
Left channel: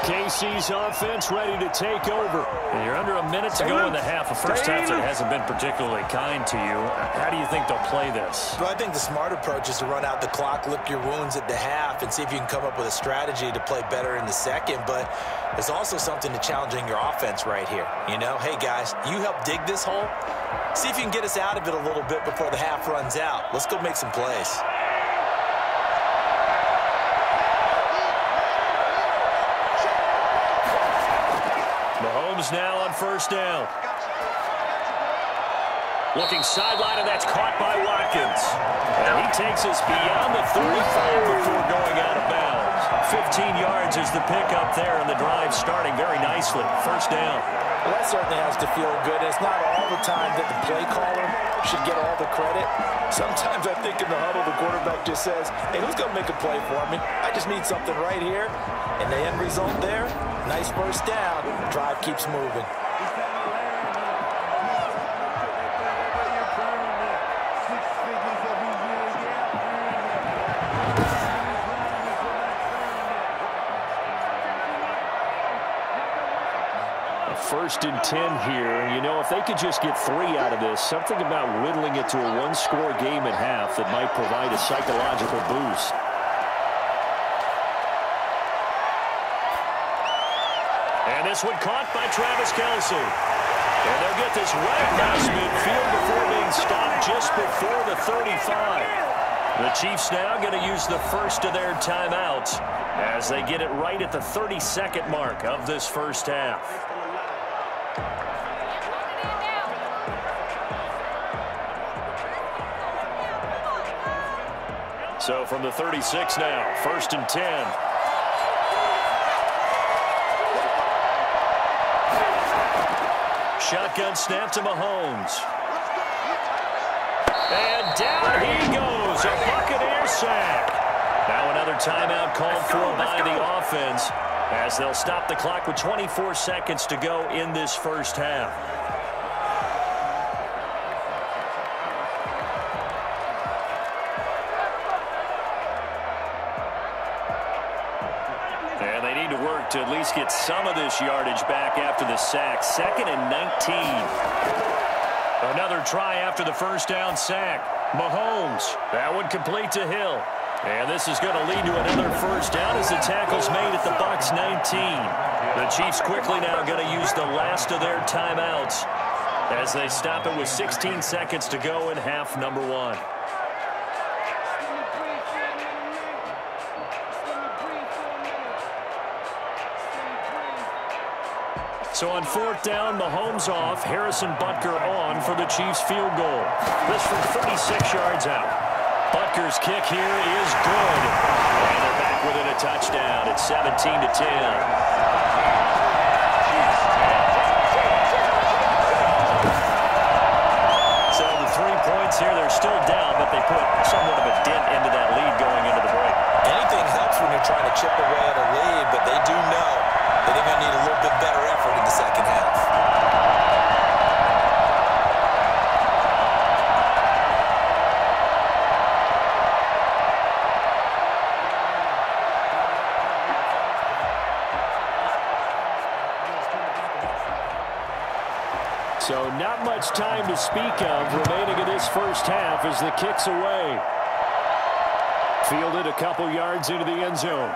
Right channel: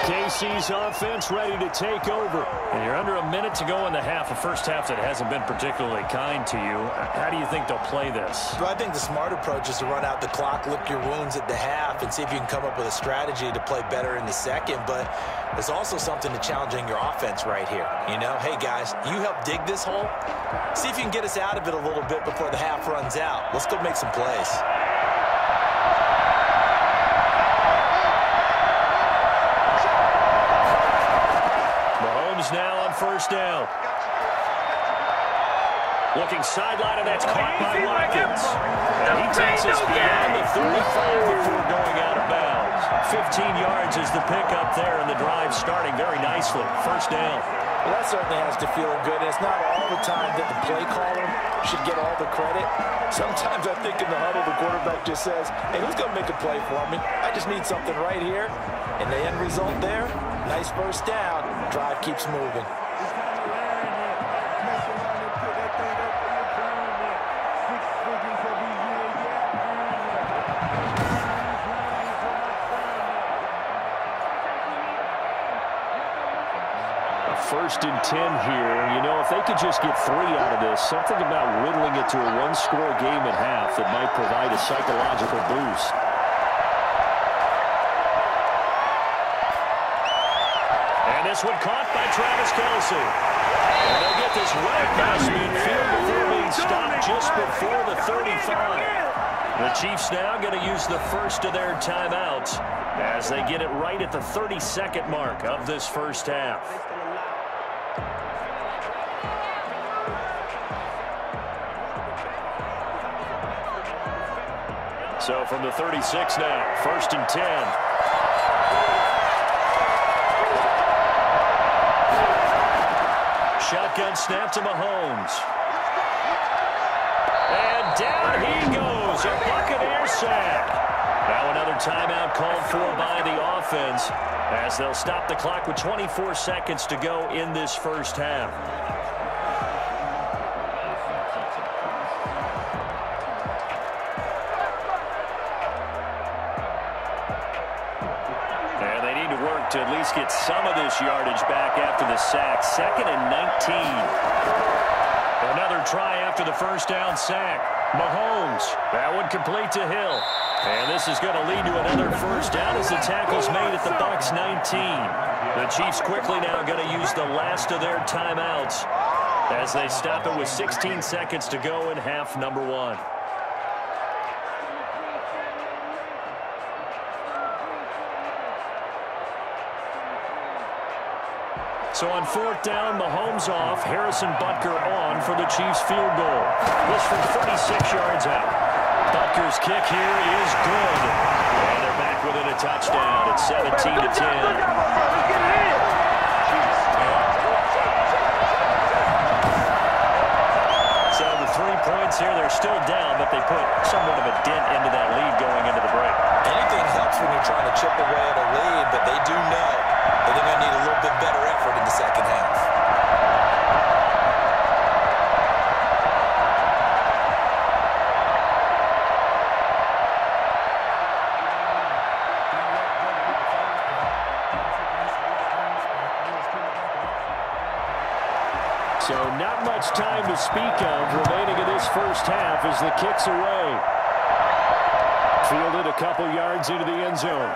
KC's offense ready to take over. And you're under a minute to go in the half. A first half that hasn't been particularly kind to you. How do you think they'll play this? Well, I think the smart approach is to run out the clock, lick your wounds at the half, and see if you can come up with a strategy to play better in the second. But there's also something to challenging your offense right here. You know, hey, guys, you help dig this hole. See if you can get us out of it a little bit before the half runs out. Let's go make some plays. Mahomes now on first down. Looking sideline, and that's caught by Watkins. And he takes us beyond the 35 before going out of bounds. 15 yards is the pickup there, and the drive starting very nicely. First down. Well, that certainly has to feel good. It's not all the time that the play caller should get all the credit. Sometimes I think in the huddle, the quarterback just says, hey, who's going to make a play for me? I just need something right here. And the end result there, nice first down. Drive keeps moving. First and 10 here, and you know, if they could just get 3 out of this, something about whittling it to a one-score game at half that might provide a psychological boost. And this one caught by Travis Kelce. And they'll get this right past midfield before being stopped just before the 35. The Chiefs now going to use the first of their timeouts as they get it right at the 32nd mark of this first half. So from the 36 now, first and 10. Shotgun snap to Mahomes. And down he goes, a Buccaneer sack. Now another timeout called for by the offense as they'll stop the clock with 24 seconds to go in this first half. To at least get some of this yardage back after the sack. 2nd and 19. Another try after the first down sack. Mahomes. That one complete to Hill. And this is going to lead to another first down as the tackle's made at the Bucs 19. The Chiefs quickly now going to use the last of their timeouts as they stop it with 16 seconds to go in half number 1. So on 4th down, Mahomes off, Harrison Butker on for the Chiefs field goal. This from 36 yards out. Butker's kick here is good. And they're back within a touchdown. It's 17-10. So the 3 points here, they're still down, but they put somewhat of a dent into that lead going into the break. Anything helps when you're trying to chip away at a lead, but they do know that they're going to need a little bit better effort in the second half. So not much time to speak of remaining in this first half as the kick's away. Fielded a couple yards into the end zone.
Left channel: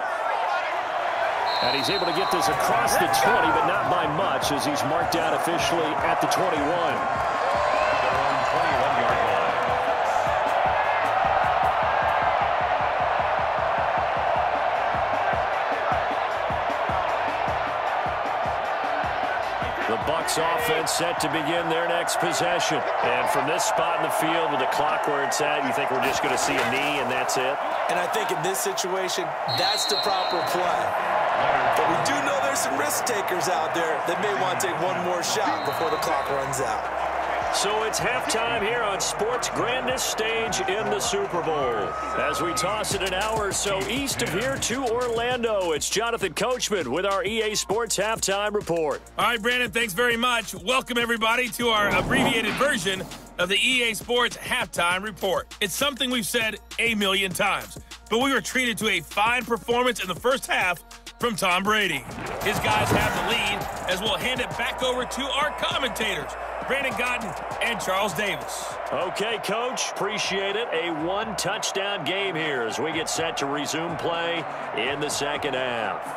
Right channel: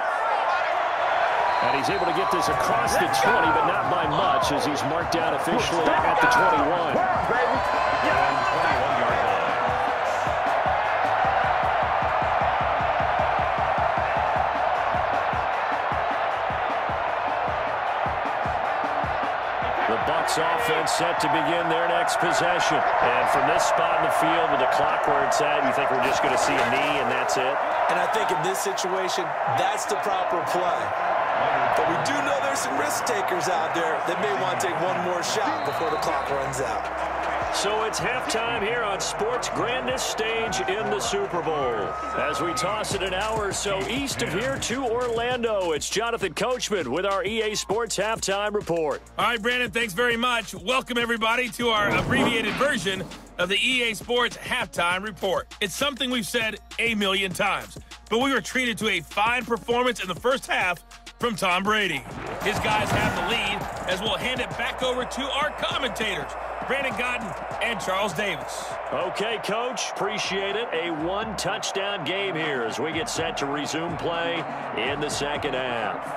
And he's able to get this across the 20, but not by much as he's marked out officially at the 21. 21-yard line. The Bucs offense set to begin their next possession. And from this spot in the field with the clock where it's at, you think we're just going to see a knee and that's it? And I think in this situation, that's the proper play. But we do know there's some risk takers out there that may want to take one more shot before the clock runs out. So it's halftime here on sports' grandest stage in the Super Bowl. As we toss it an hour or so east of here to Orlando, it's Jonathan Coachman with our EA Sports Halftime Report. All right, Brandon, thanks very much. Welcome, everybody, to our abbreviated version of the EA Sports Halftime Report. It's something we've said a million times, but we were treated to a fine performance in the first half from Tom Brady. His guys have the lead as we'll hand it back over to our commentators, Brandon Godden and Charles Davis. Okay, Coach, appreciate it. A one-touchdown game here as we get set to resume play in the second half.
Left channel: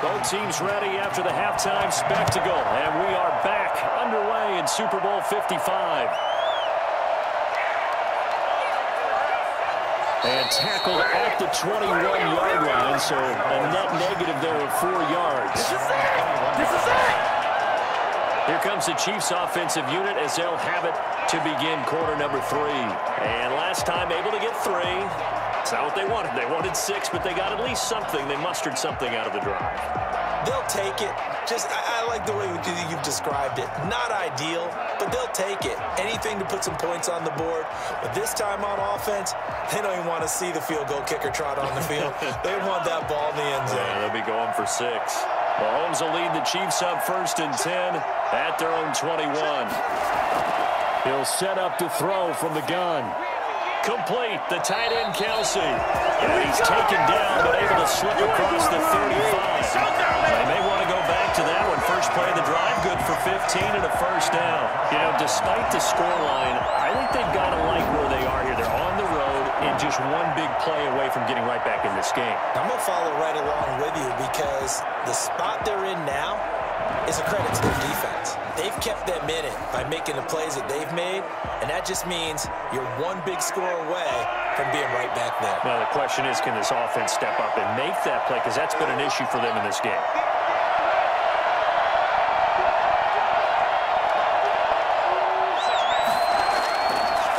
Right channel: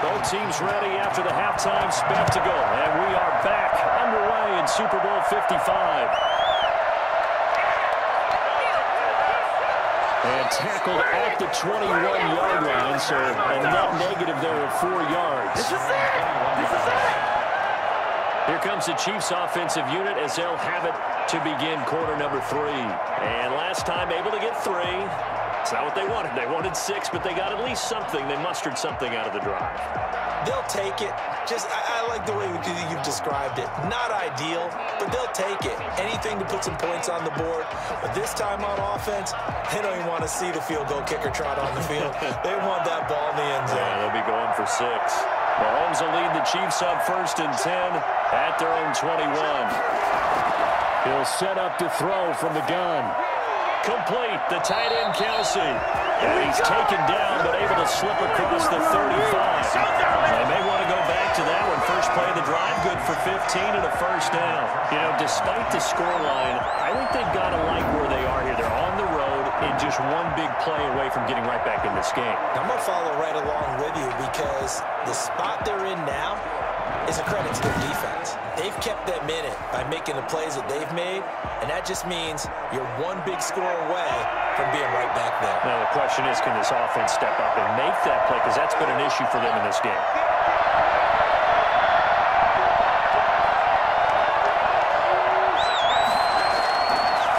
Both teams ready after the halftime spectacle, and we are back underway in Super Bowl 55. And tackled at the 21-yard line, so a net negative there of 4 yards. This is it! This is it! Here comes the Chiefs offensive unit as they'll have it to begin quarter number 3. And last time able to get 3. It's not what they wanted. They wanted 6, but they got at least something. They mustered something out of the drive. They'll take it. I like the way you've described it. Not ideal, but they'll take it. Anything to put some points on the board. But this time on offense, they don't even want to see the field goal kicker trot on the field. They want that ball in the end zone. Yeah, they'll be going for 6. Mahomes will lead the Chiefs up 1st and 10 at their own 21. He'll set up to throw from the gun. Complete, the tight end, Kelsey. And he's taken down, but able to slip across the 35. They may want to go back to that one. First play of the drive, good for 15 and a first down. You know, despite the scoreline, I think they've got to like where they are here. They're on the road and just one big play away from getting right back in this game. I'm going to follow right along with you because the spot they're in now is a credit to their defense. They've kept them in it by making the plays that they've made, and that just means you're one big score away from being right back there. Now, the question is, can this offense step up and make that play? Because that's been an issue for them in this game.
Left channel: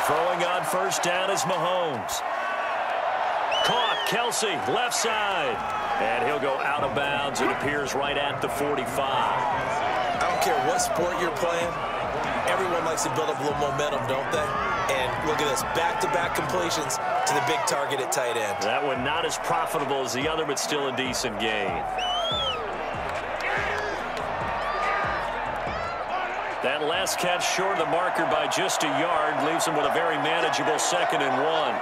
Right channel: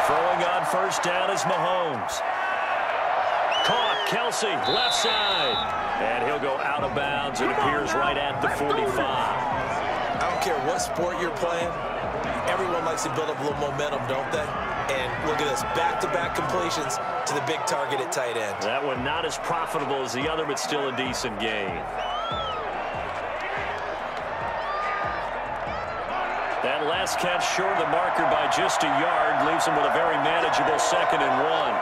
Throwing on first down is Mahomes. Caught, Kelsey, left side. And he'll go out of bounds. It appears right at the 45. I don't care what sport you're playing. Everyone likes to build up a little momentum, don't they? And look at this, back-to-back completions to the big target at tight end. That one not as profitable as the other, but still a decent gain. That last catch short of the marker by just a yard leaves him with a very manageable 2nd and 1.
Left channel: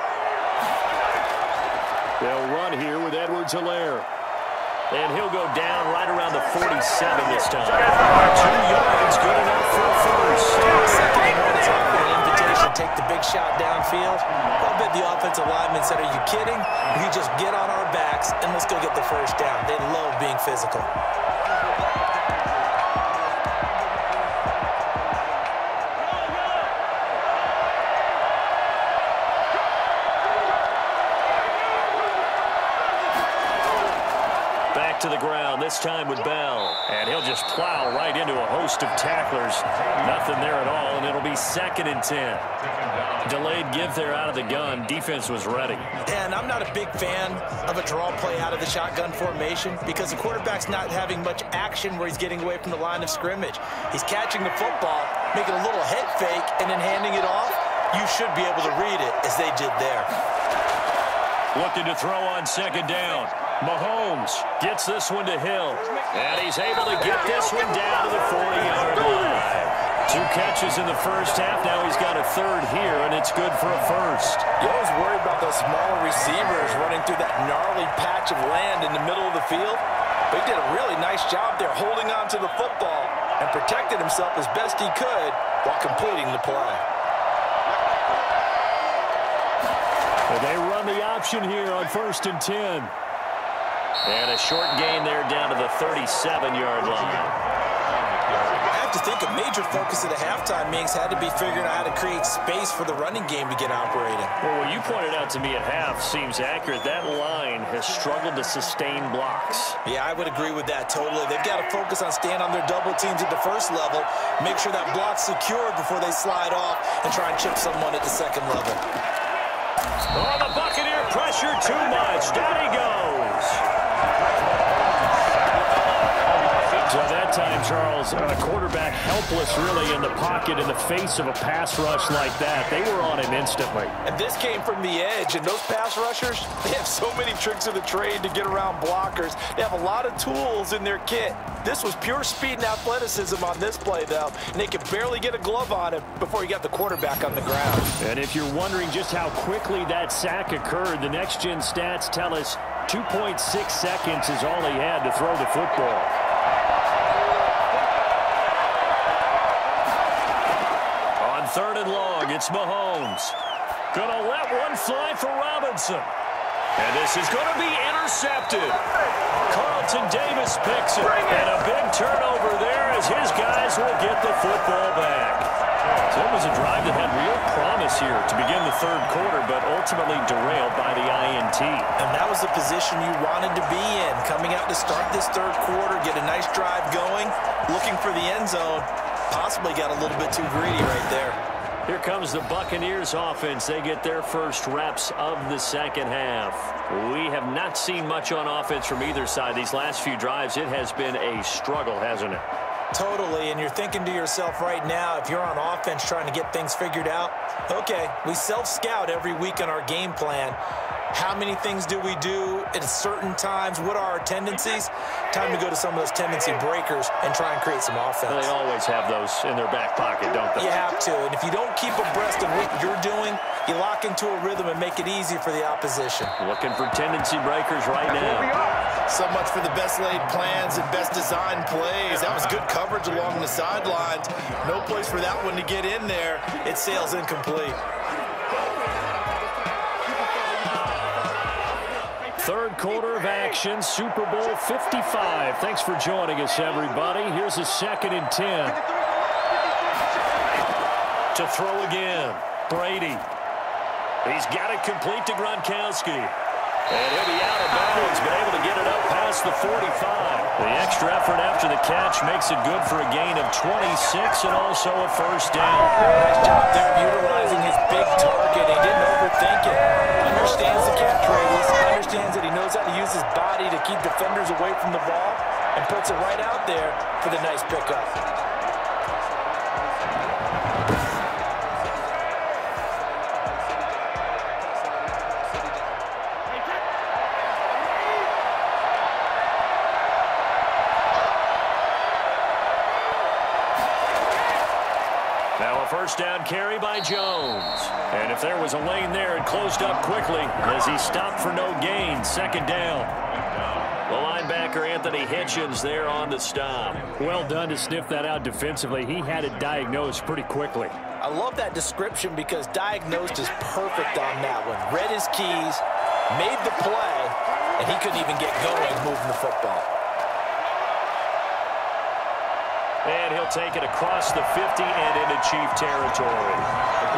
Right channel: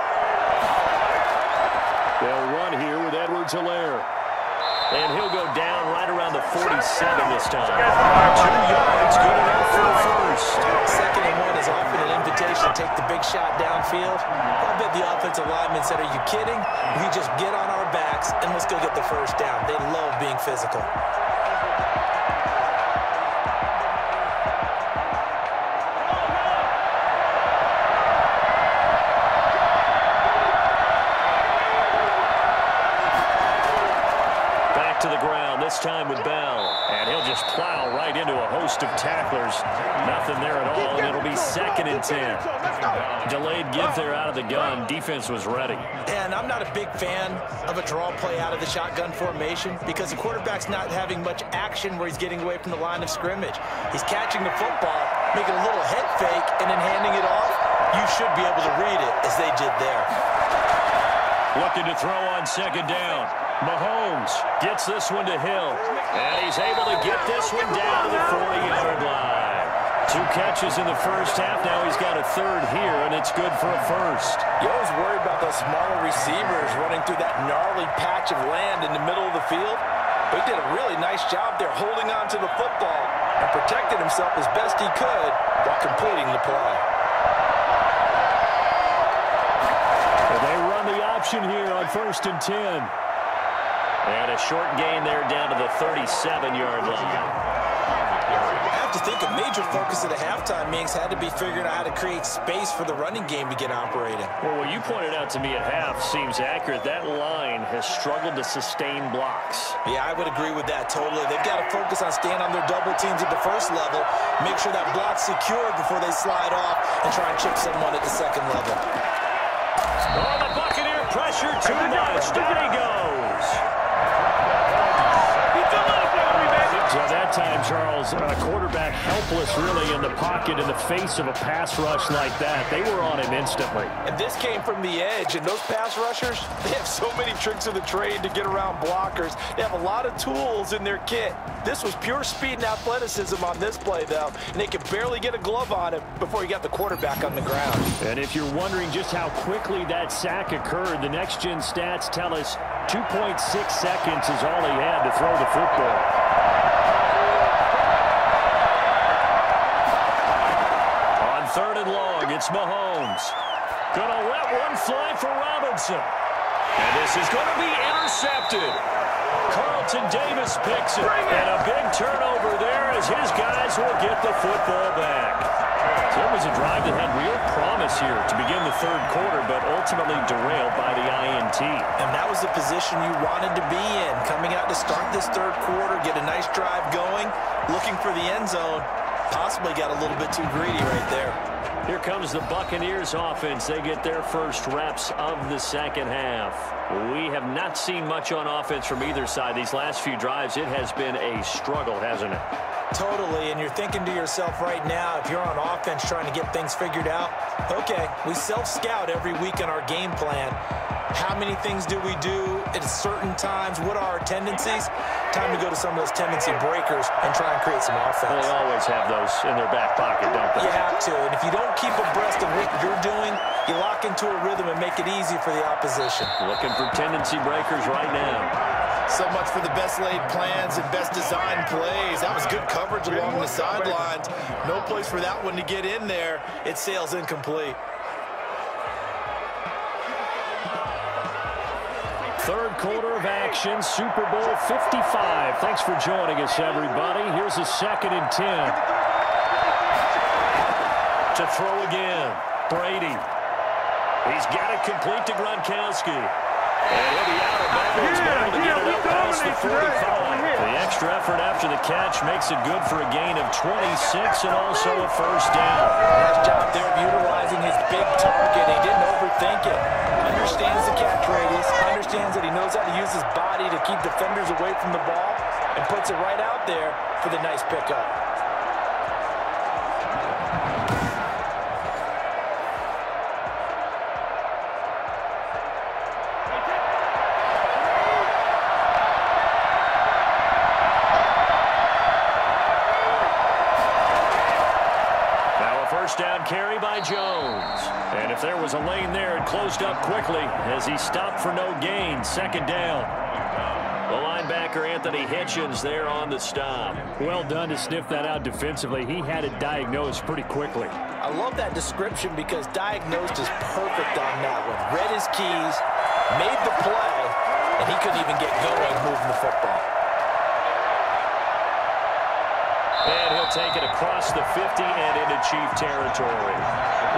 They'll run here with Edwards-Helaire. And he'll go down right around the 47 this time. 2 yards, good enough for a first. 2nd and 1 is often an invitation to take the big shot downfield. I'll bet the offensive lineman said, are you kidding? We just get on our backs and let's go get the first down. They love being physical. To the ground, this time with Bell. And he'll just plow right into a host of tacklers. Nothing there at all, and it'll be 2nd and 10. Delayed give there out of the gun. Defense was ready. And I'm not a big fan of a draw play out of the shotgun formation because the quarterback's not having much action where he's getting away from the line of scrimmage. He's catching the football, making a little head fake, and then handing it off. You should be able to read it as they did there. Looking to throw on 2nd down. Mahomes gets this one to Hill. And he's able to get this one down to the 40-yard line. 2 catches in the first half. Now he's got a 3rd here, and it's good for a first. You always worry about those smaller receivers running through that gnarly patch of land in the middle of the field. But he did a really nice job there holding on to the football and protected himself as best he could while completing the play. And they run the option here on 1st and 10. And a short gain there down to the 37-yard line. have to think a major focus at the halftime, Minks, had to be figuring out how to create space for the running game to get operating. Well, what you pointed out to me at half seems accurate. That line has struggled to sustain blocks. Yeah, I would agree with that totally. They've got to focus on staying on their double teams at the first level, make sure that block's secured before they slide off and try and chip someone at the second level. Oh, the Buccaneer pressure too much. Down he goes. So that time, Charles, quarterback helpless really in the pocket in the face of a pass rush like that. They were on him instantly. And this came from the edge, and those pass rushers, they have so many tricks of the trade to get around blockers. They have a lot of tools in their kit. This was pure speed and athleticism on this play, though, and they could barely get a glove on him before he got the quarterback on the ground. And if you're wondering just how quickly that sack occurred, the next-gen stats tell us 2.6 seconds is all he had to throw the football. On 3rd and long, it's Mahomes. Gonna let one fly for Robinson. And this is going to be intercepted. Carlton Davis picks it. And a big turnover there as his guys will get the football back. So it was a drive that had real promise here to begin the 3rd quarter, but ultimately derailed by the INT. And that was the position you wanted to be in. Coming out to start this 3rd quarter, get a nice drive going, looking for the end zone. Possibly got a little bit too greedy right there. Here comes the Buccaneers offense. They get their first reps of the second half. We have not seen much on offense from either side. These last few drives, it has been a struggle, hasn't it? Totally, and you're thinking to yourself right now, if you're on offense trying to get things figured out, okay, we self-scout every week on our game plan. How many things do we do at certain times? What are our tendencies? Time to go to some of those tendency breakers and try and create some offense. They always have those in their back pocket, don't they? You have to, and if you don't keep abreast of what you're doing, you lock into a rhythm and make it easy for the opposition. Looking for tendency breakers right now. So much for the best laid plans and best designed plays. That was good coverage along the sidelines. No place for that one to get in there. It sails incomplete. 3rd quarter of action, Super Bowl 55. Thanks for joining us, everybody. Here's a 2nd and 10. To throw again, Brady. He's got it complete to Gronkowski. And he'll be out of bounds, but able to get it up past the 45. The extra effort after the catch makes it good for a gain of 26 and also a first down. Nice job there of utilizing his big target. He didn't overthink it. Understands the catch radius, understands that he knows how to use his body to keep defenders away from the ball, and puts it right out there for the nice pickup. Now a first down carry by Jones. And if there was a lane there, it closed up quickly as he stopped for no gain. 2nd down. The linebacker, Anthony Hitchens, there on the stop. Well done to sniff that out defensively. He had it diagnosed pretty quickly. I love that description because diagnosed is perfect on that one. Read his keys, made the play, and he couldn't even get going moving the football. And he'll take it across the 50 and into Chief territory.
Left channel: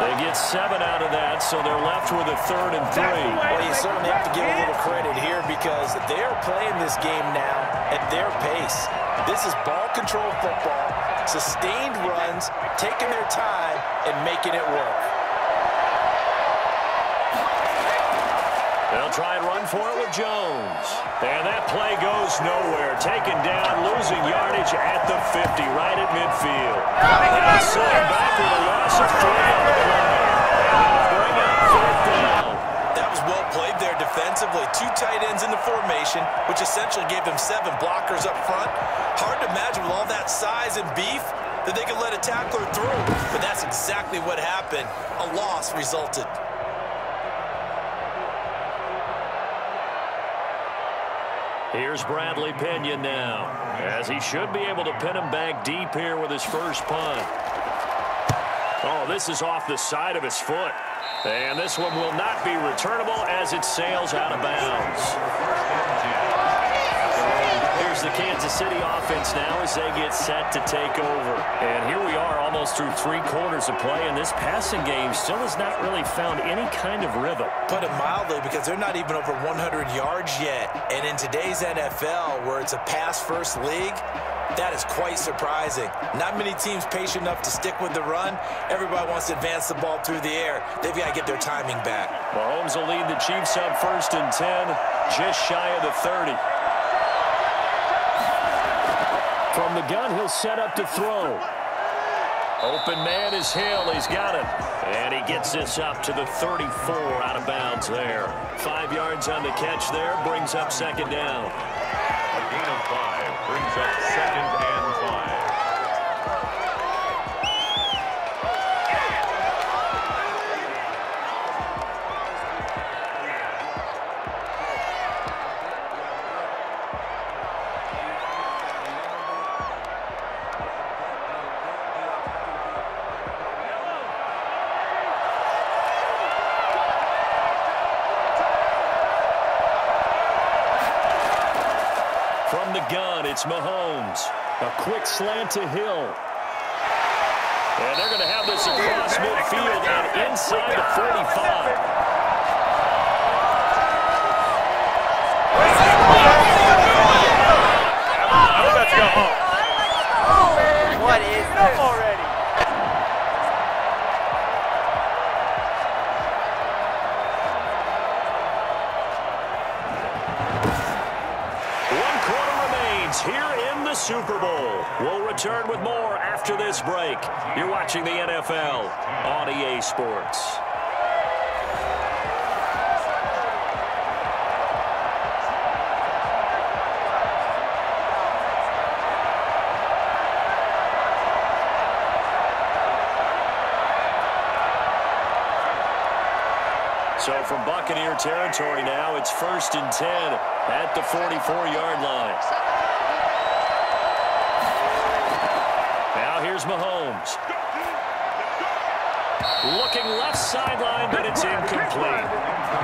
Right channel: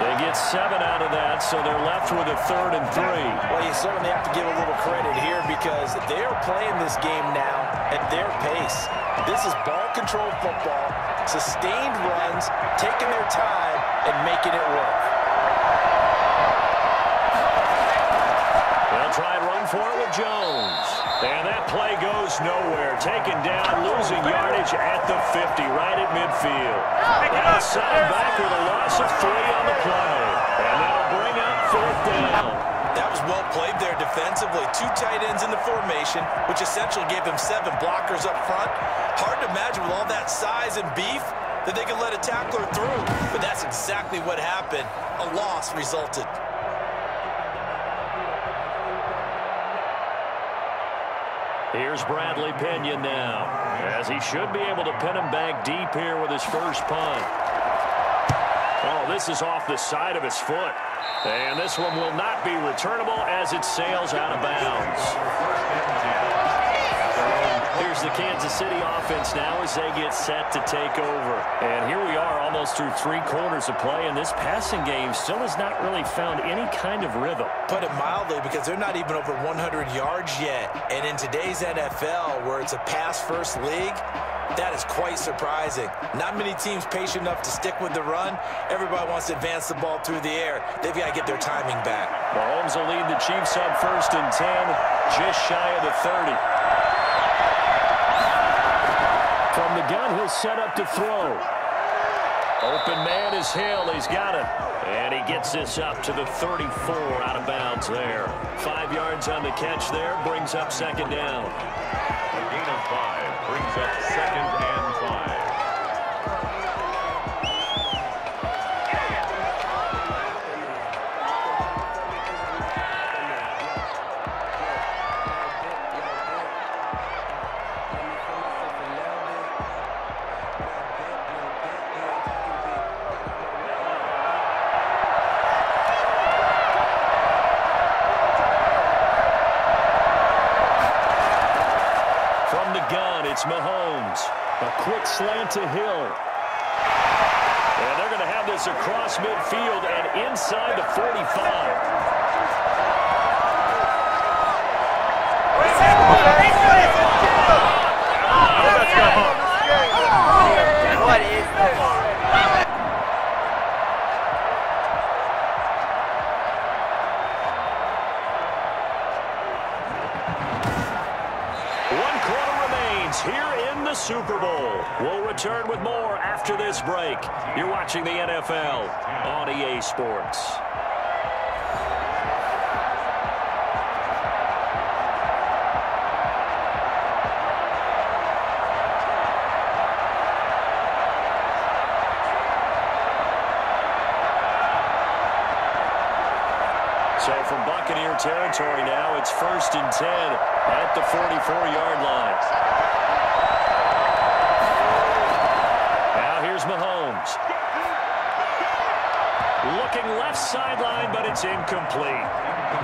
They get 7 out of that, so they're left with a 3rd and 3. Well, you certainly have to give a little credit here because they're playing this game now at their pace. This is ball control football, sustained runs, taking their time, and making it work. They'll try and run for it with Jones. And that play goes nowhere. Taken down, losing yardage at the 50, right at midfield. Now set back with a loss of 3 on the play. And that'll bring up 4th down. That was well played there defensively. 2 tight ends in the formation, which essentially gave them 7 blockers up front. Hard to imagine with all that size and beef that they could let a tackler through. But that's exactly what happened. A loss resulted. Here's Bradley Pinion now, as he should be able to pin him back deep here with his first punt. Oh, this is off the side of his foot. And this one will not be returnable as it sails out of bounds. here's the Kansas City offense now as they get set to take over. And here we are almost through 3 quarters of play, and this passing game still has not really found any kind of rhythm. Put it mildly, because they're not even over 100 yards yet. And in today's NFL, where it's a pass-first league, that is quite surprising. Not many teams patient enough to stick with the run. Everybody wants to advance the ball through the air. They've got to get their timing back. Mahomes will lead the Chiefs up 1st and 10, just shy of the 30. From the gun, he'll set up to throw. Open man is Hill. He's got it. And he gets this up to the 34 out of bounds there. 5 yards on the catch there, brings up 2nd down. A gain of 5 brings up 2nd and 5. From the gun, it's Mahomes. A quick slant to Hill. And they're going to have this across midfield and inside the 45. Let's go home. What is this already? Here in the Super Bowl. We'll return with more after this break. You're watching the NFL on EA Sports. So from Buccaneer territory now, it's 1st and 10 at the 44-yard line. Now here's Mahomes. Looking left sideline, but it's incomplete.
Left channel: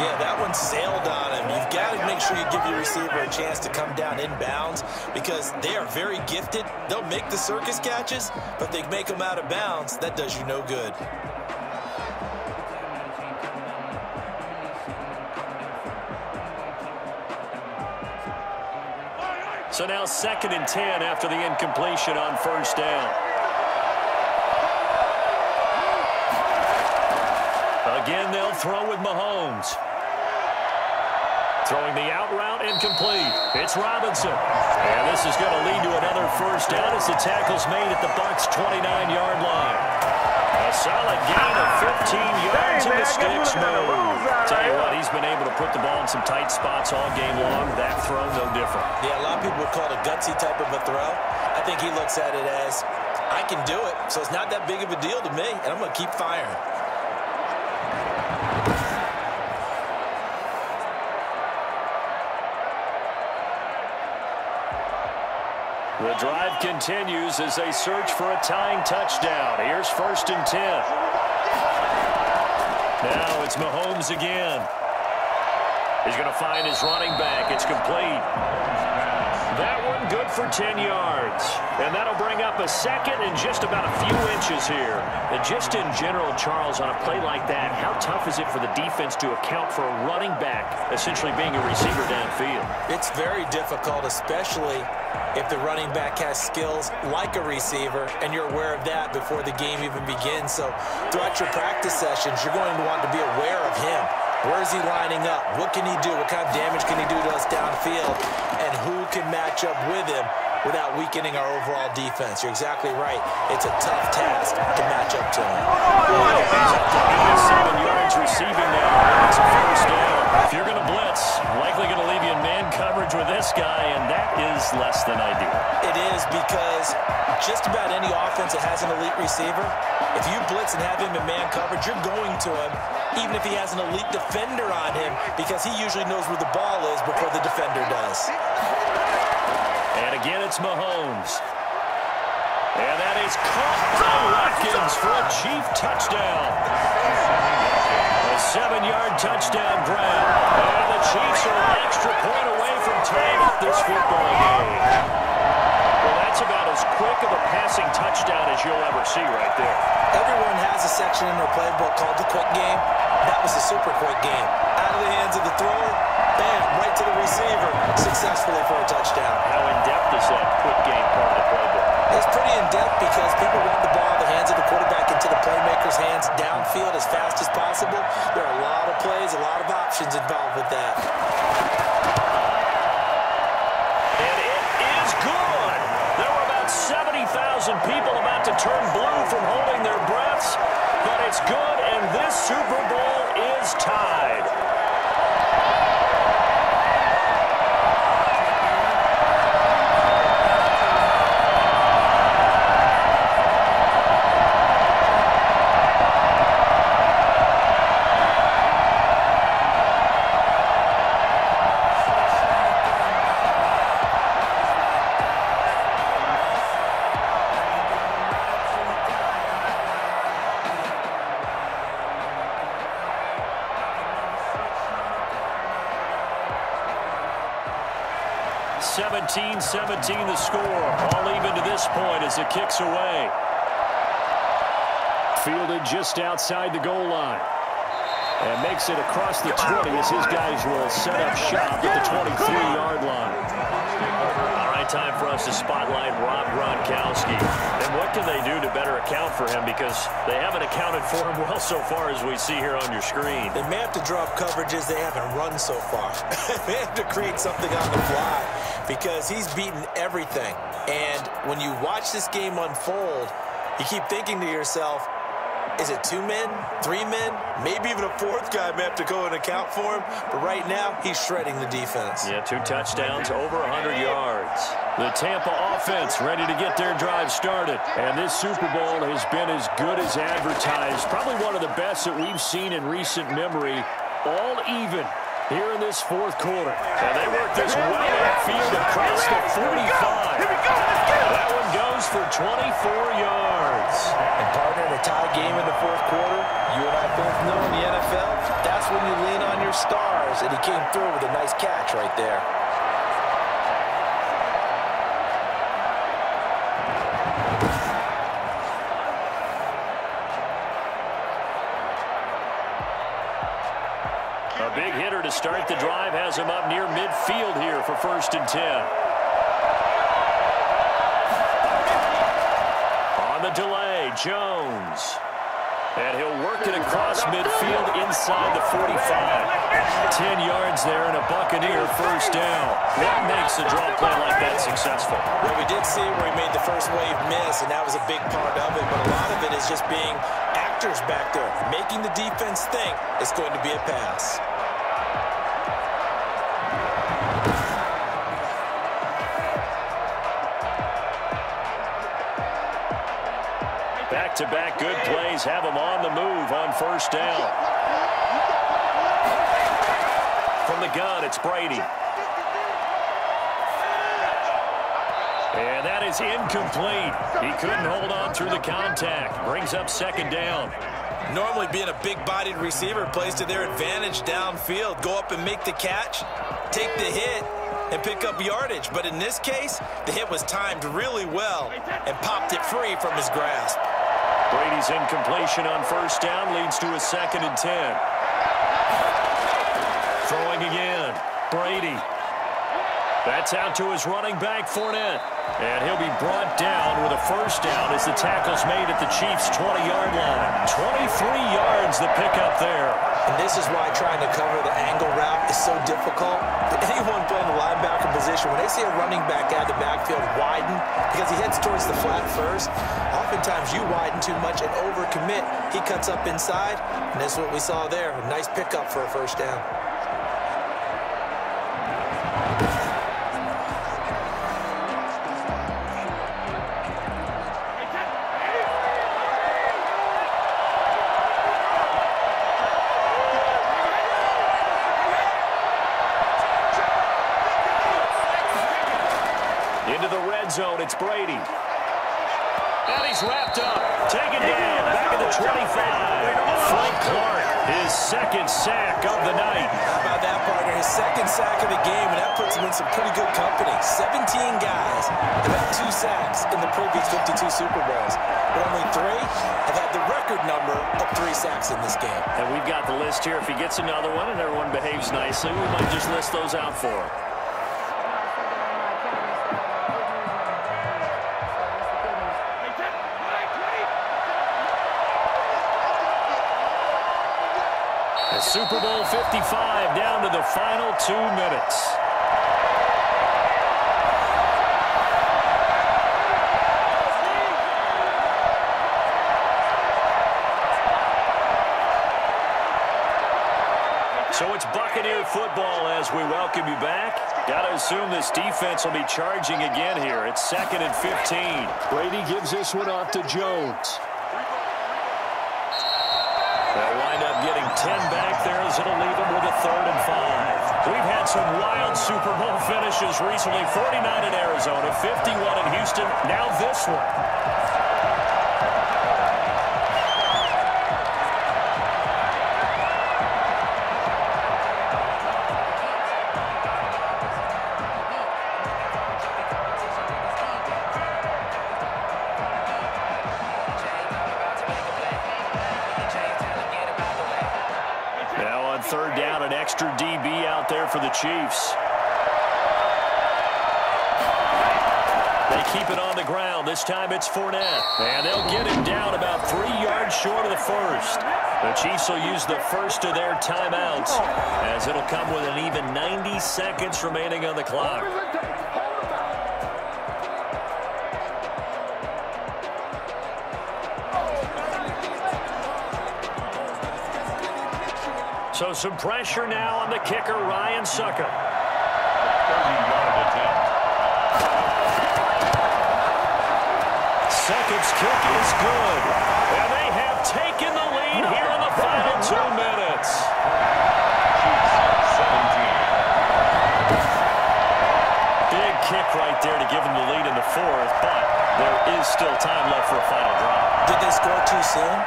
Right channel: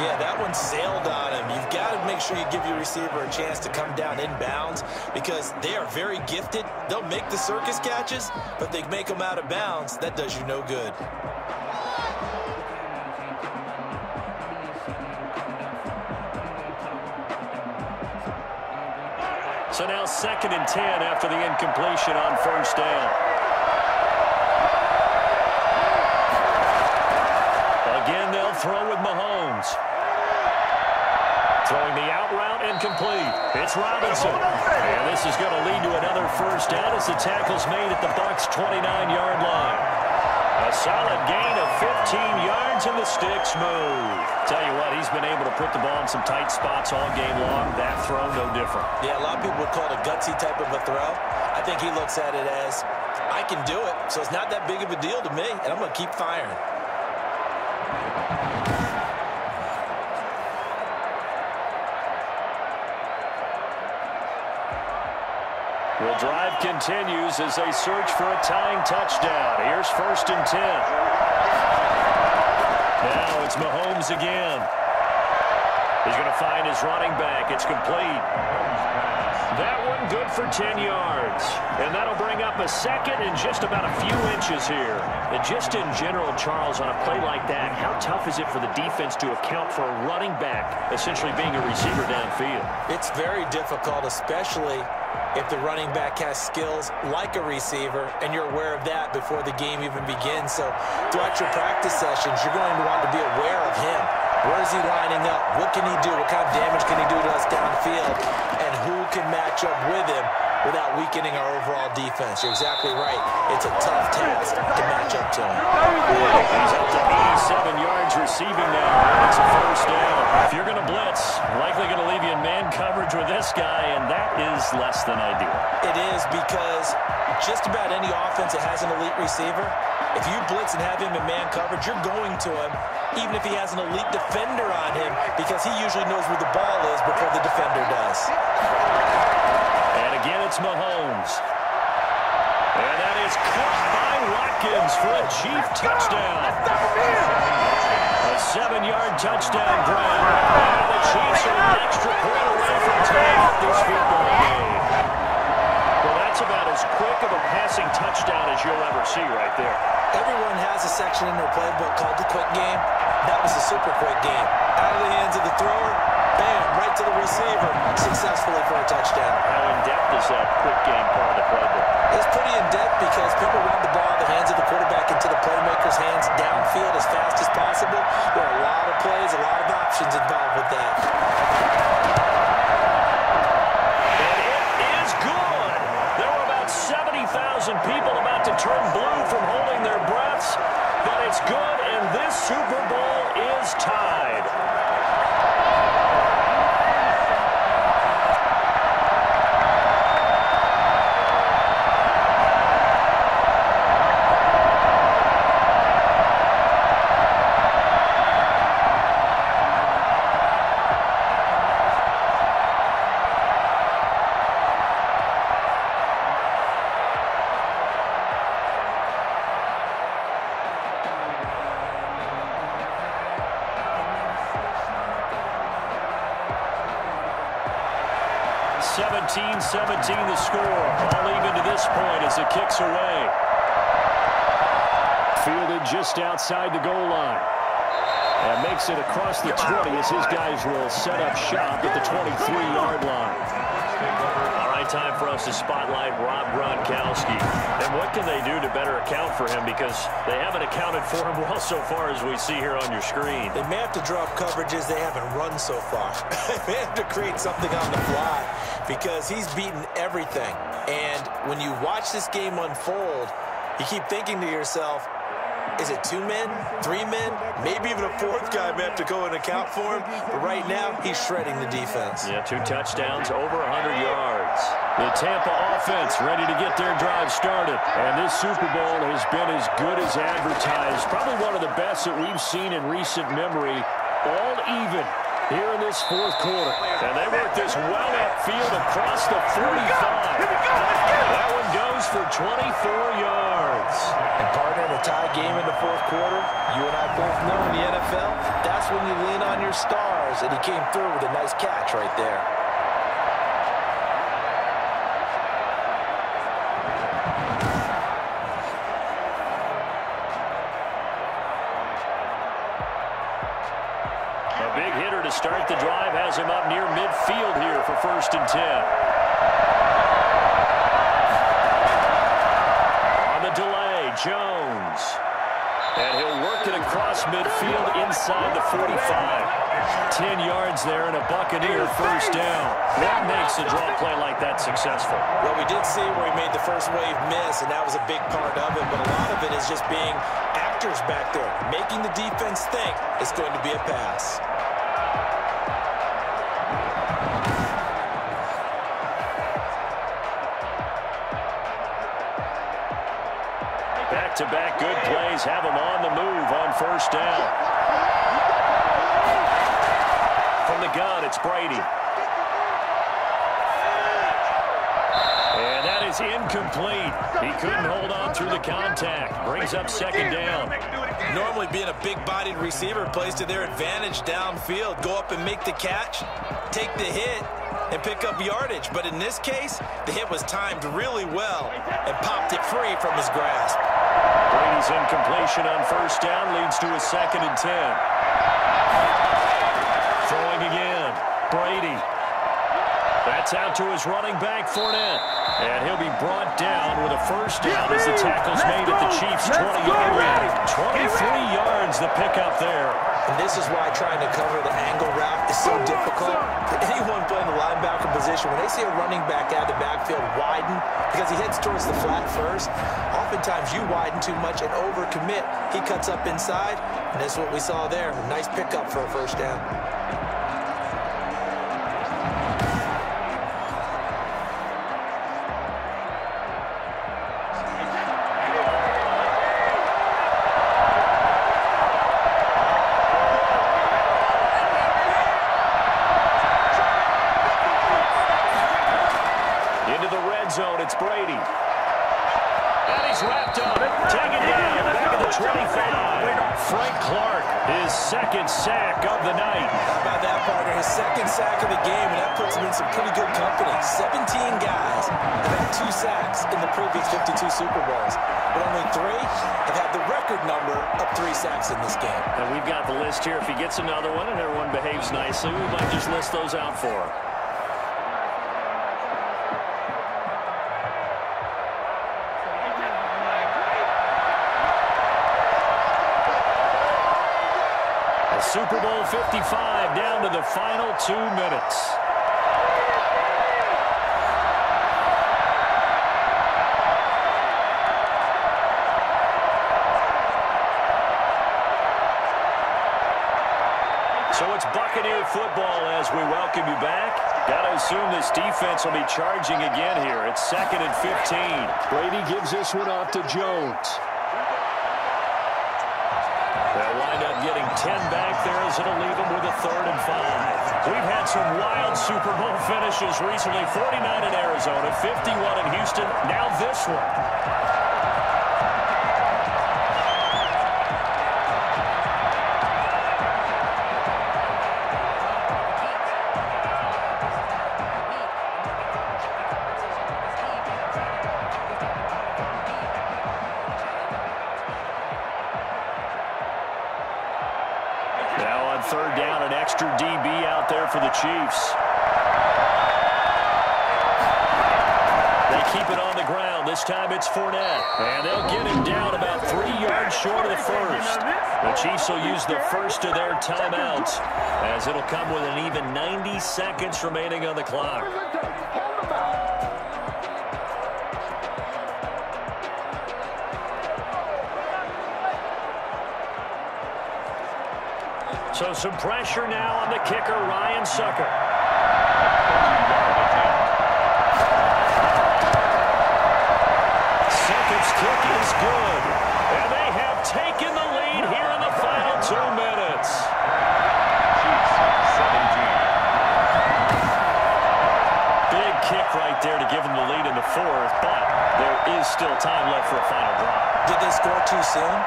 Yeah, that one sailed on him. You've got to make sure you give your receiver a chance to come down inbounds, because they are very gifted. They'll make the circus catches, but if they make them out of bounds, that does you no good. So now 2nd and 10 after the incompletion on 1st down. Again, they'll throw with Mahomes. Throwing the out route incomplete. It's Robinson. And this is going to lead to another 1st down as the tackle's made at the Bucs' 29-yard line. A solid gain of 15 yards and the sticks move. Tell you what, he's been able to put the ball in some tight spots all game long. That throw, no different. Yeah, a lot of people would call it a gutsy type of a throw. I think he looks at it as, I can do it, so it's not that big of a deal to me, and I'm going to keep firing. The drive continues as they search for a tying touchdown. Here's 1st and 10. Now it's Mahomes again. He's going to find his running back. It's complete. That one good for 10 yards. And that'll bring up a 2nd and just about a few inches here. And just in general, Charles, on a play like that, how tough is it for the defense to account for a running back essentially being a receiver downfield? It's very difficult, especially if the running back has skills like a receiver, and you're aware of that before the game even begins. So throughout your practice sessions, you're going to want to be aware of him. Where is he lining up? What can he do? What kind of damage can he do to us downfield? And who can match up with him without weakening our overall defense? You're exactly right. It's a tough task to match up to him. He's up to 87 yards receiving now. It's a 1st down. If you're going to blitz, likely going to leave you in man coverage with this guy, and that is less than ideal. It is, because just about any offense that has an elite receiver, if you blitz and have him in man coverage, you're going to him, even if he has an elite defender on him, because he usually knows where the ball is before the defender does. And again, it's Mahomes. And that is caught by Watkins for a Chief touchdown. A 7-yard touchdown grab. And the Chiefs are an extra point away from tying up this football game. Well, that's about as quick of a passing touchdown as you'll ever see right there. Everyone has a section in their playbook called the quick game. That was a super quick game. Out of the hands of the thrower, bam, right to the receiver, successfully for a touchdown. How in-depth is that quick game part of the playbook? It's pretty in-depth because people want the ball in the hands of the quarterback into the playmaker's hands downfield as fast as possible. There are a lot of plays, a lot of options involved with that. And it is good. There were about 70,000 people about to turn blue from holding their breaths, but it's good, and this Super Bowl is tied. (17-17) the score. All even to this point as the kick's away. Fielded just outside the goal line. And makes it across the 20 as his guys will set up shop at the 23-yard line. All right, time for us to spotlight Rob Gronkowski. And what can they do to better account for him? Because they haven't accounted for him well so far as we see here on your screen. They may have to draw up coverages they haven't run so far. They have to create something on the fly because he's beaten everything. And when you watch this game unfold, you keep thinking to yourself, is it 2 men, 3 men, maybe even a 4th guy may have to go and account for him. But right now, he's shredding the defense. Yeah, 2 touchdowns, over 100 yards. The Tampa offense ready to get their drive started. And this Super Bowl has been as good as advertised. Probably one of the best that we've seen in recent memory. All even here in this 4th quarter. And they work this well upfield across the 45. That one goes for 24 yards. And partner, in a tie game in the 4th quarter, you and I both know in the NFL, that's when you lean on your stars. And he came through with a nice catch right there. A big hitter to start the drive has him up near midfield here for 1st and 10. On the delay, Jones. And he'll work it across midfield inside the 45. 10 yards there and a Buccaneer 1st down. What makes a draw play like that successful? Well, we did see where he made the first wave miss, and that was a big part of it. But a lot of it is just being actors back there, making the defense think it's going to be a pass. Back-to-back good plays have them on the move on 1st down. From the gun, it's Brady. And that is incomplete. He couldn't hold on through the contact. Brings up 2nd down. Normally being a big-bodied receiver plays to their advantage downfield. Go up and make the catch, take the hit, and pick up yardage. But in this case, the hit was timed really well and popped it free from his grasp. Brady's incompletion on 1st down leads to a 2nd and 10. Throwing again. Brady. That's out to his running back, Fournette. And he'll be brought down with a 1st down as the tackle's made at the Chiefs' 20-yard line. 23 yards the pickup there. And this is why trying to cover the angle route is so difficult. Anyone playing the linebacker position, when they see a running back out of the backfield widen, because he heads towards the flat first, oftentimes you widen too much and overcommit. He cuts up inside, and that's what we saw there. A nice pickup for a 1st down. Into the red zone, it's Brady. And he's wrapped up. Taken down, back at the 25. Frank Clark, his second sack of the night. How about that, partner? His second sack of the game, and that puts him in some pretty good company. 17 guys have had 2 sacks in the previous 52 Super Bowls, but only 3 have had the record number of 3 sacks in this game. And we've got the list here. If he gets another one and everyone behaves nicely, we might just list those out for him. Super Bowl 55 down to the final 2 minutes. So it's Buccaneer football as we welcome you back. Got to assume this defense will be charging again here. It's 2nd and 15. Brady gives this one off to Jones. They'll wind up getting 10 back there as it'll leave them with a 3rd and 5. We've had some wild Super Bowl finishes recently. 49 in Arizona, 51 in Houston, now this one. Now on 3rd down, an extra DB out there for the Chiefs. They keep it on the ground. This time it's Fournette. And they'll get him down about 3 yards short of the first. The Chiefs will use the first of their timeouts as it'll come with an even 90 seconds remaining on the clock. So some pressure now on the kicker, Ryan Sucker. 30-yard attempt. Sucker's kick is good. And they have taken the lead here in the final 2 minutes. Chiefs 17. Big kick right there to give them the lead in the 4th, but there is still time left for a final drive. Did they score too soon?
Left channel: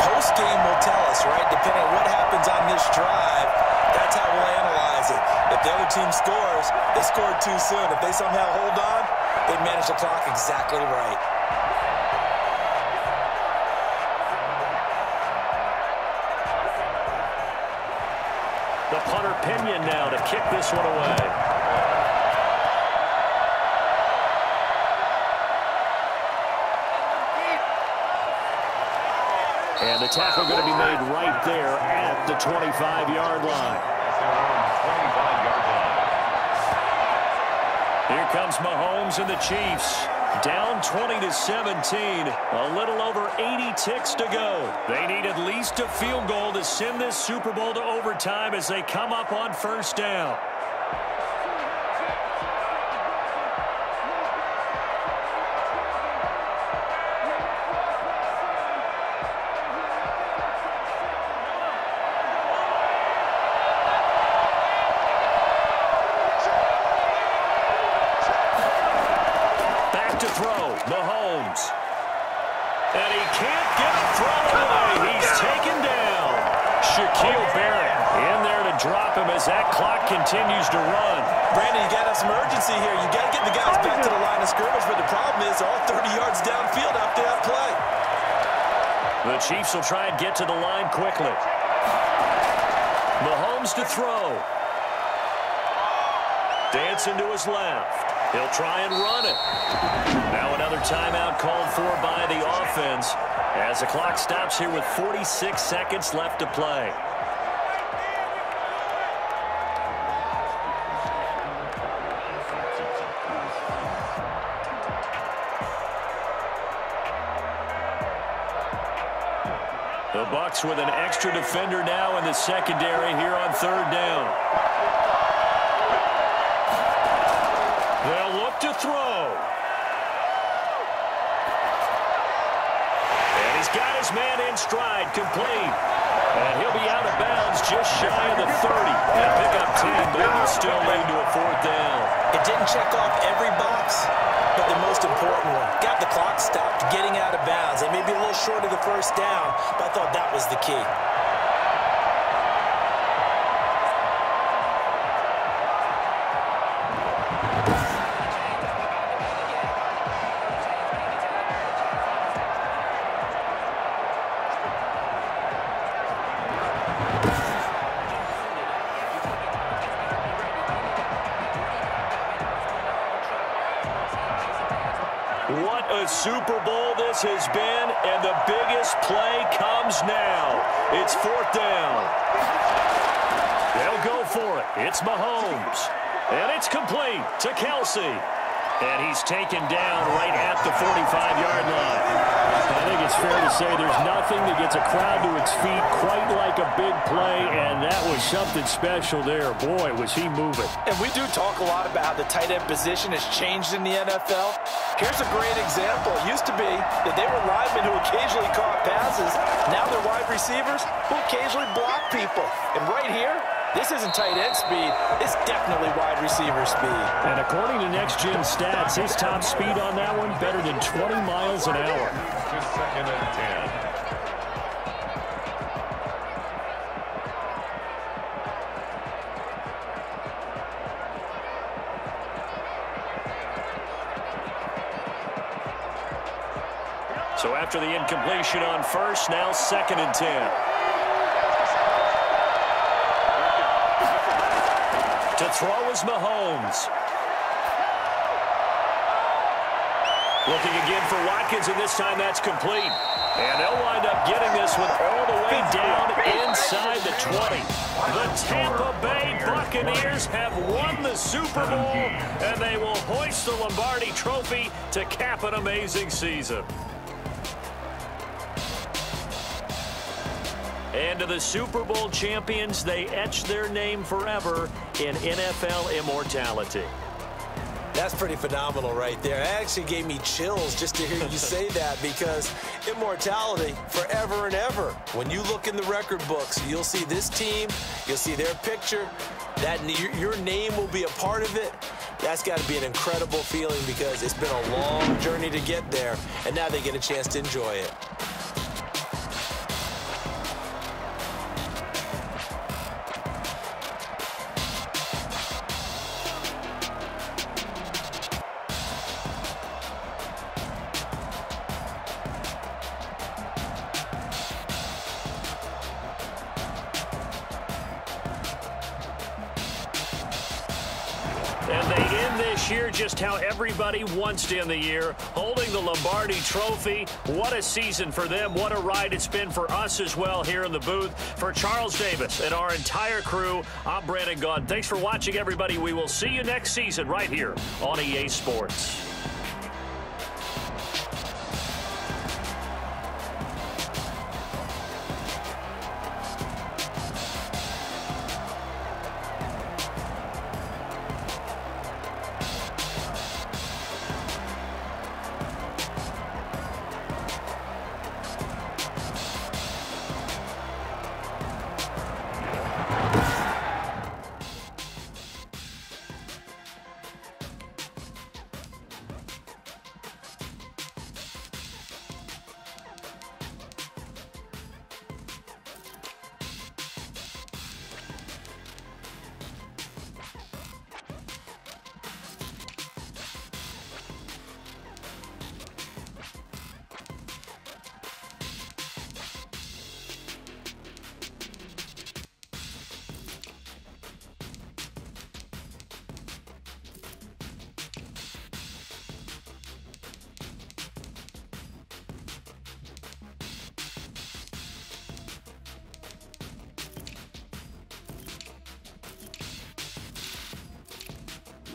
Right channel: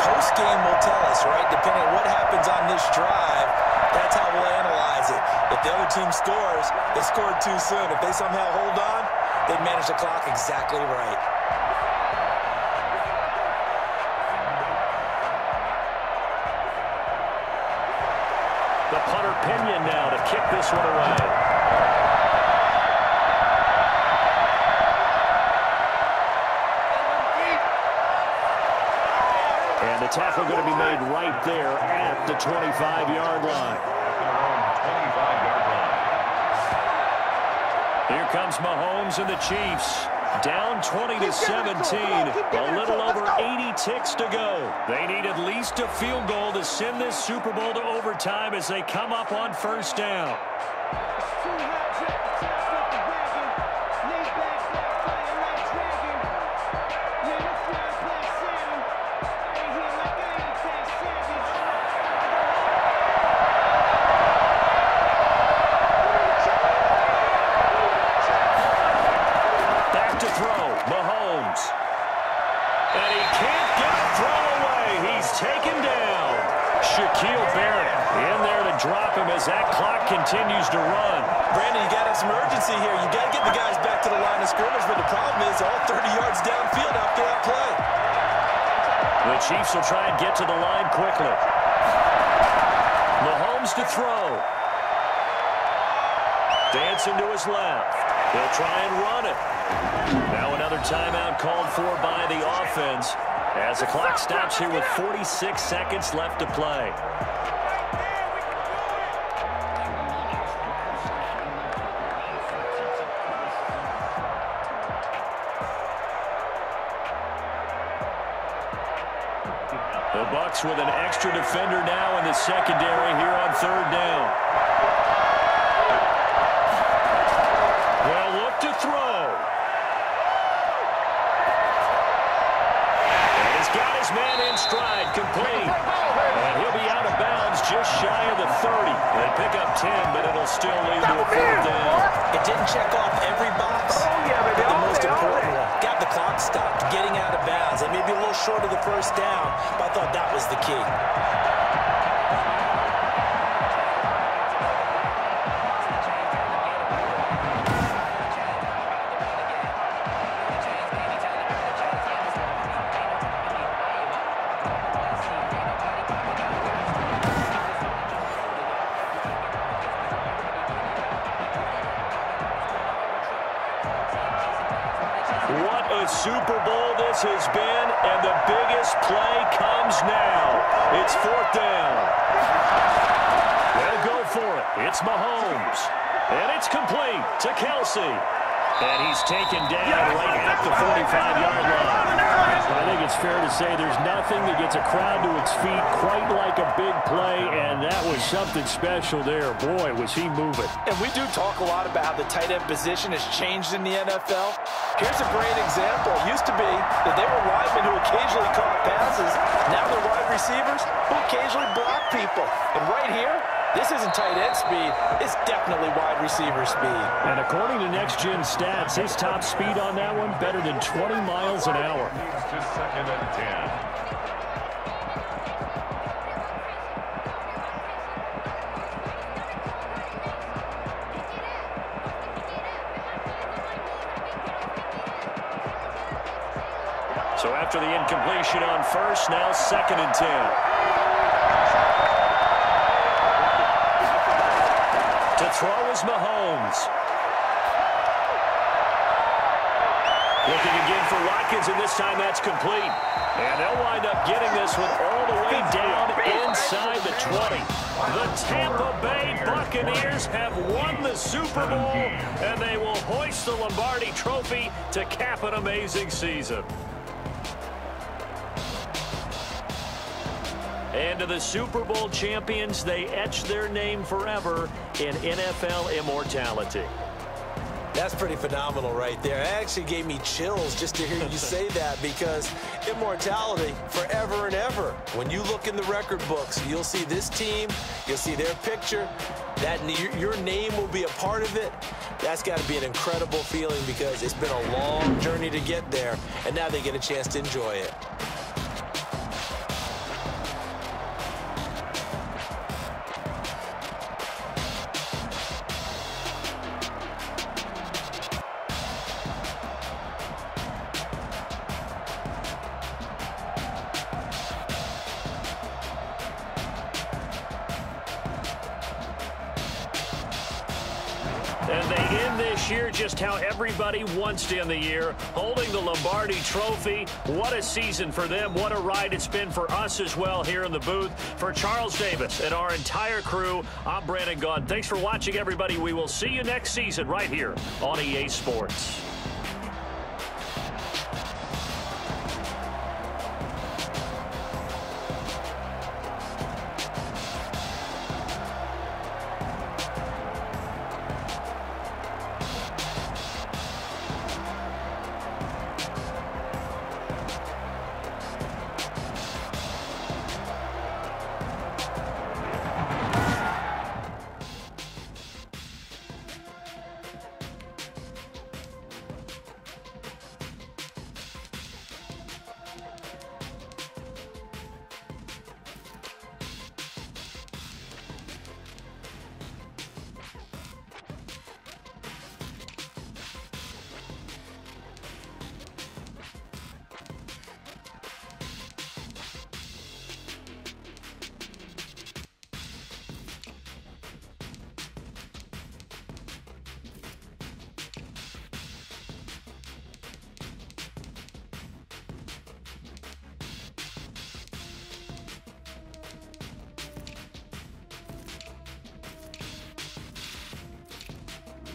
Post-game will tell us, right? Depending on what happens on this drive, that's how we'll analyze it. If the other team scores, they scored too soon. If they somehow hold on, they manage the clock exactly right. The punter Pinion now to kick this one away. And the tackle going to be made right there at the 25-yard line. At their own 25-yard line. Here comes Mahomes and the Chiefs. Down 20-17. A little over 80 ticks to go. They need at least a field goal to send this Super Bowl to overtime as they come up on 1st down. To throw, Mahomes. And he can't get a throw away. He's taken down. Shaquille Barrett in there to drop him as that clock continues to run. Brandon, you got to have some urgency here. You got to get the guys back to the line of scrimmage, but the problem is all 30 yards downfield after that play. The Chiefs will try and get to the line quickly. Mahomes to throw. Dancing to his left. He'll try and run it. Now another timeout called for by the offense as the clock stops here with 46 seconds left to play. The Bucs with an extra defender now in the secondary here on 3rd down. They'll look to throw. And he's got his man in stride, complete. And he'll be out of bounds just shy of the 30. And pick up 10, but it'll still lead to a 4th down. It didn't check off every box, but the most important one. Got the clock stopped, getting out of bounds. They may be a little short of the first down, but I thought that was the key. What a Super Bowl this has been, and the biggest play comes now. It's 4th down. They'll go for it. It's Mahomes. And it's complete to Kelsey. And he's taken down right at the 45-yard line. I think it's fair to say there's nothing that gets a crowd to its feet quite like a big play, and that was something special there. Boy, was he moving. And we do talk a lot about how the tight end position has changed in the NFL. Here's a great example. It used to be that they were linemen who occasionally caught passes. Now they're wide receivers who occasionally block people. And right here, this isn't tight end speed. It's definitely wide receiver speed. And according to Next Gen Stats, his top speed on that one, better than 20 miles an hour. To 2nd and 10. So after the incompletion on first, now 2nd and 10. To throw is Mahomes. Looking again for Watkins, and this time that's complete. And they'll wind up getting this one all the way down inside the 20. The Tampa Bay Buccaneers have won the Super Bowl, and they will hoist the Lombardi Trophy to cap an amazing season. And to the Super Bowl champions, they etch their name forever in NFL immortality. That's pretty phenomenal right there. It actually gave me chills just to hear you say that, because immortality forever and ever. When you look in the record books, you'll see this team, you'll see their picture, that your name will be a part of it. That's got to be an incredible feeling, because it's been a long journey to get there, and now they get a chance to enjoy it. And they end this year just how everybody wants to end the year, holding the Lombardi Trophy. What a season for them. What a ride it's been for us as well here in the booth. For Charles Davis and our entire crew, I'm Brandon Gaudin. Thanks for watching, everybody. We will see you next season right here on EA Sports.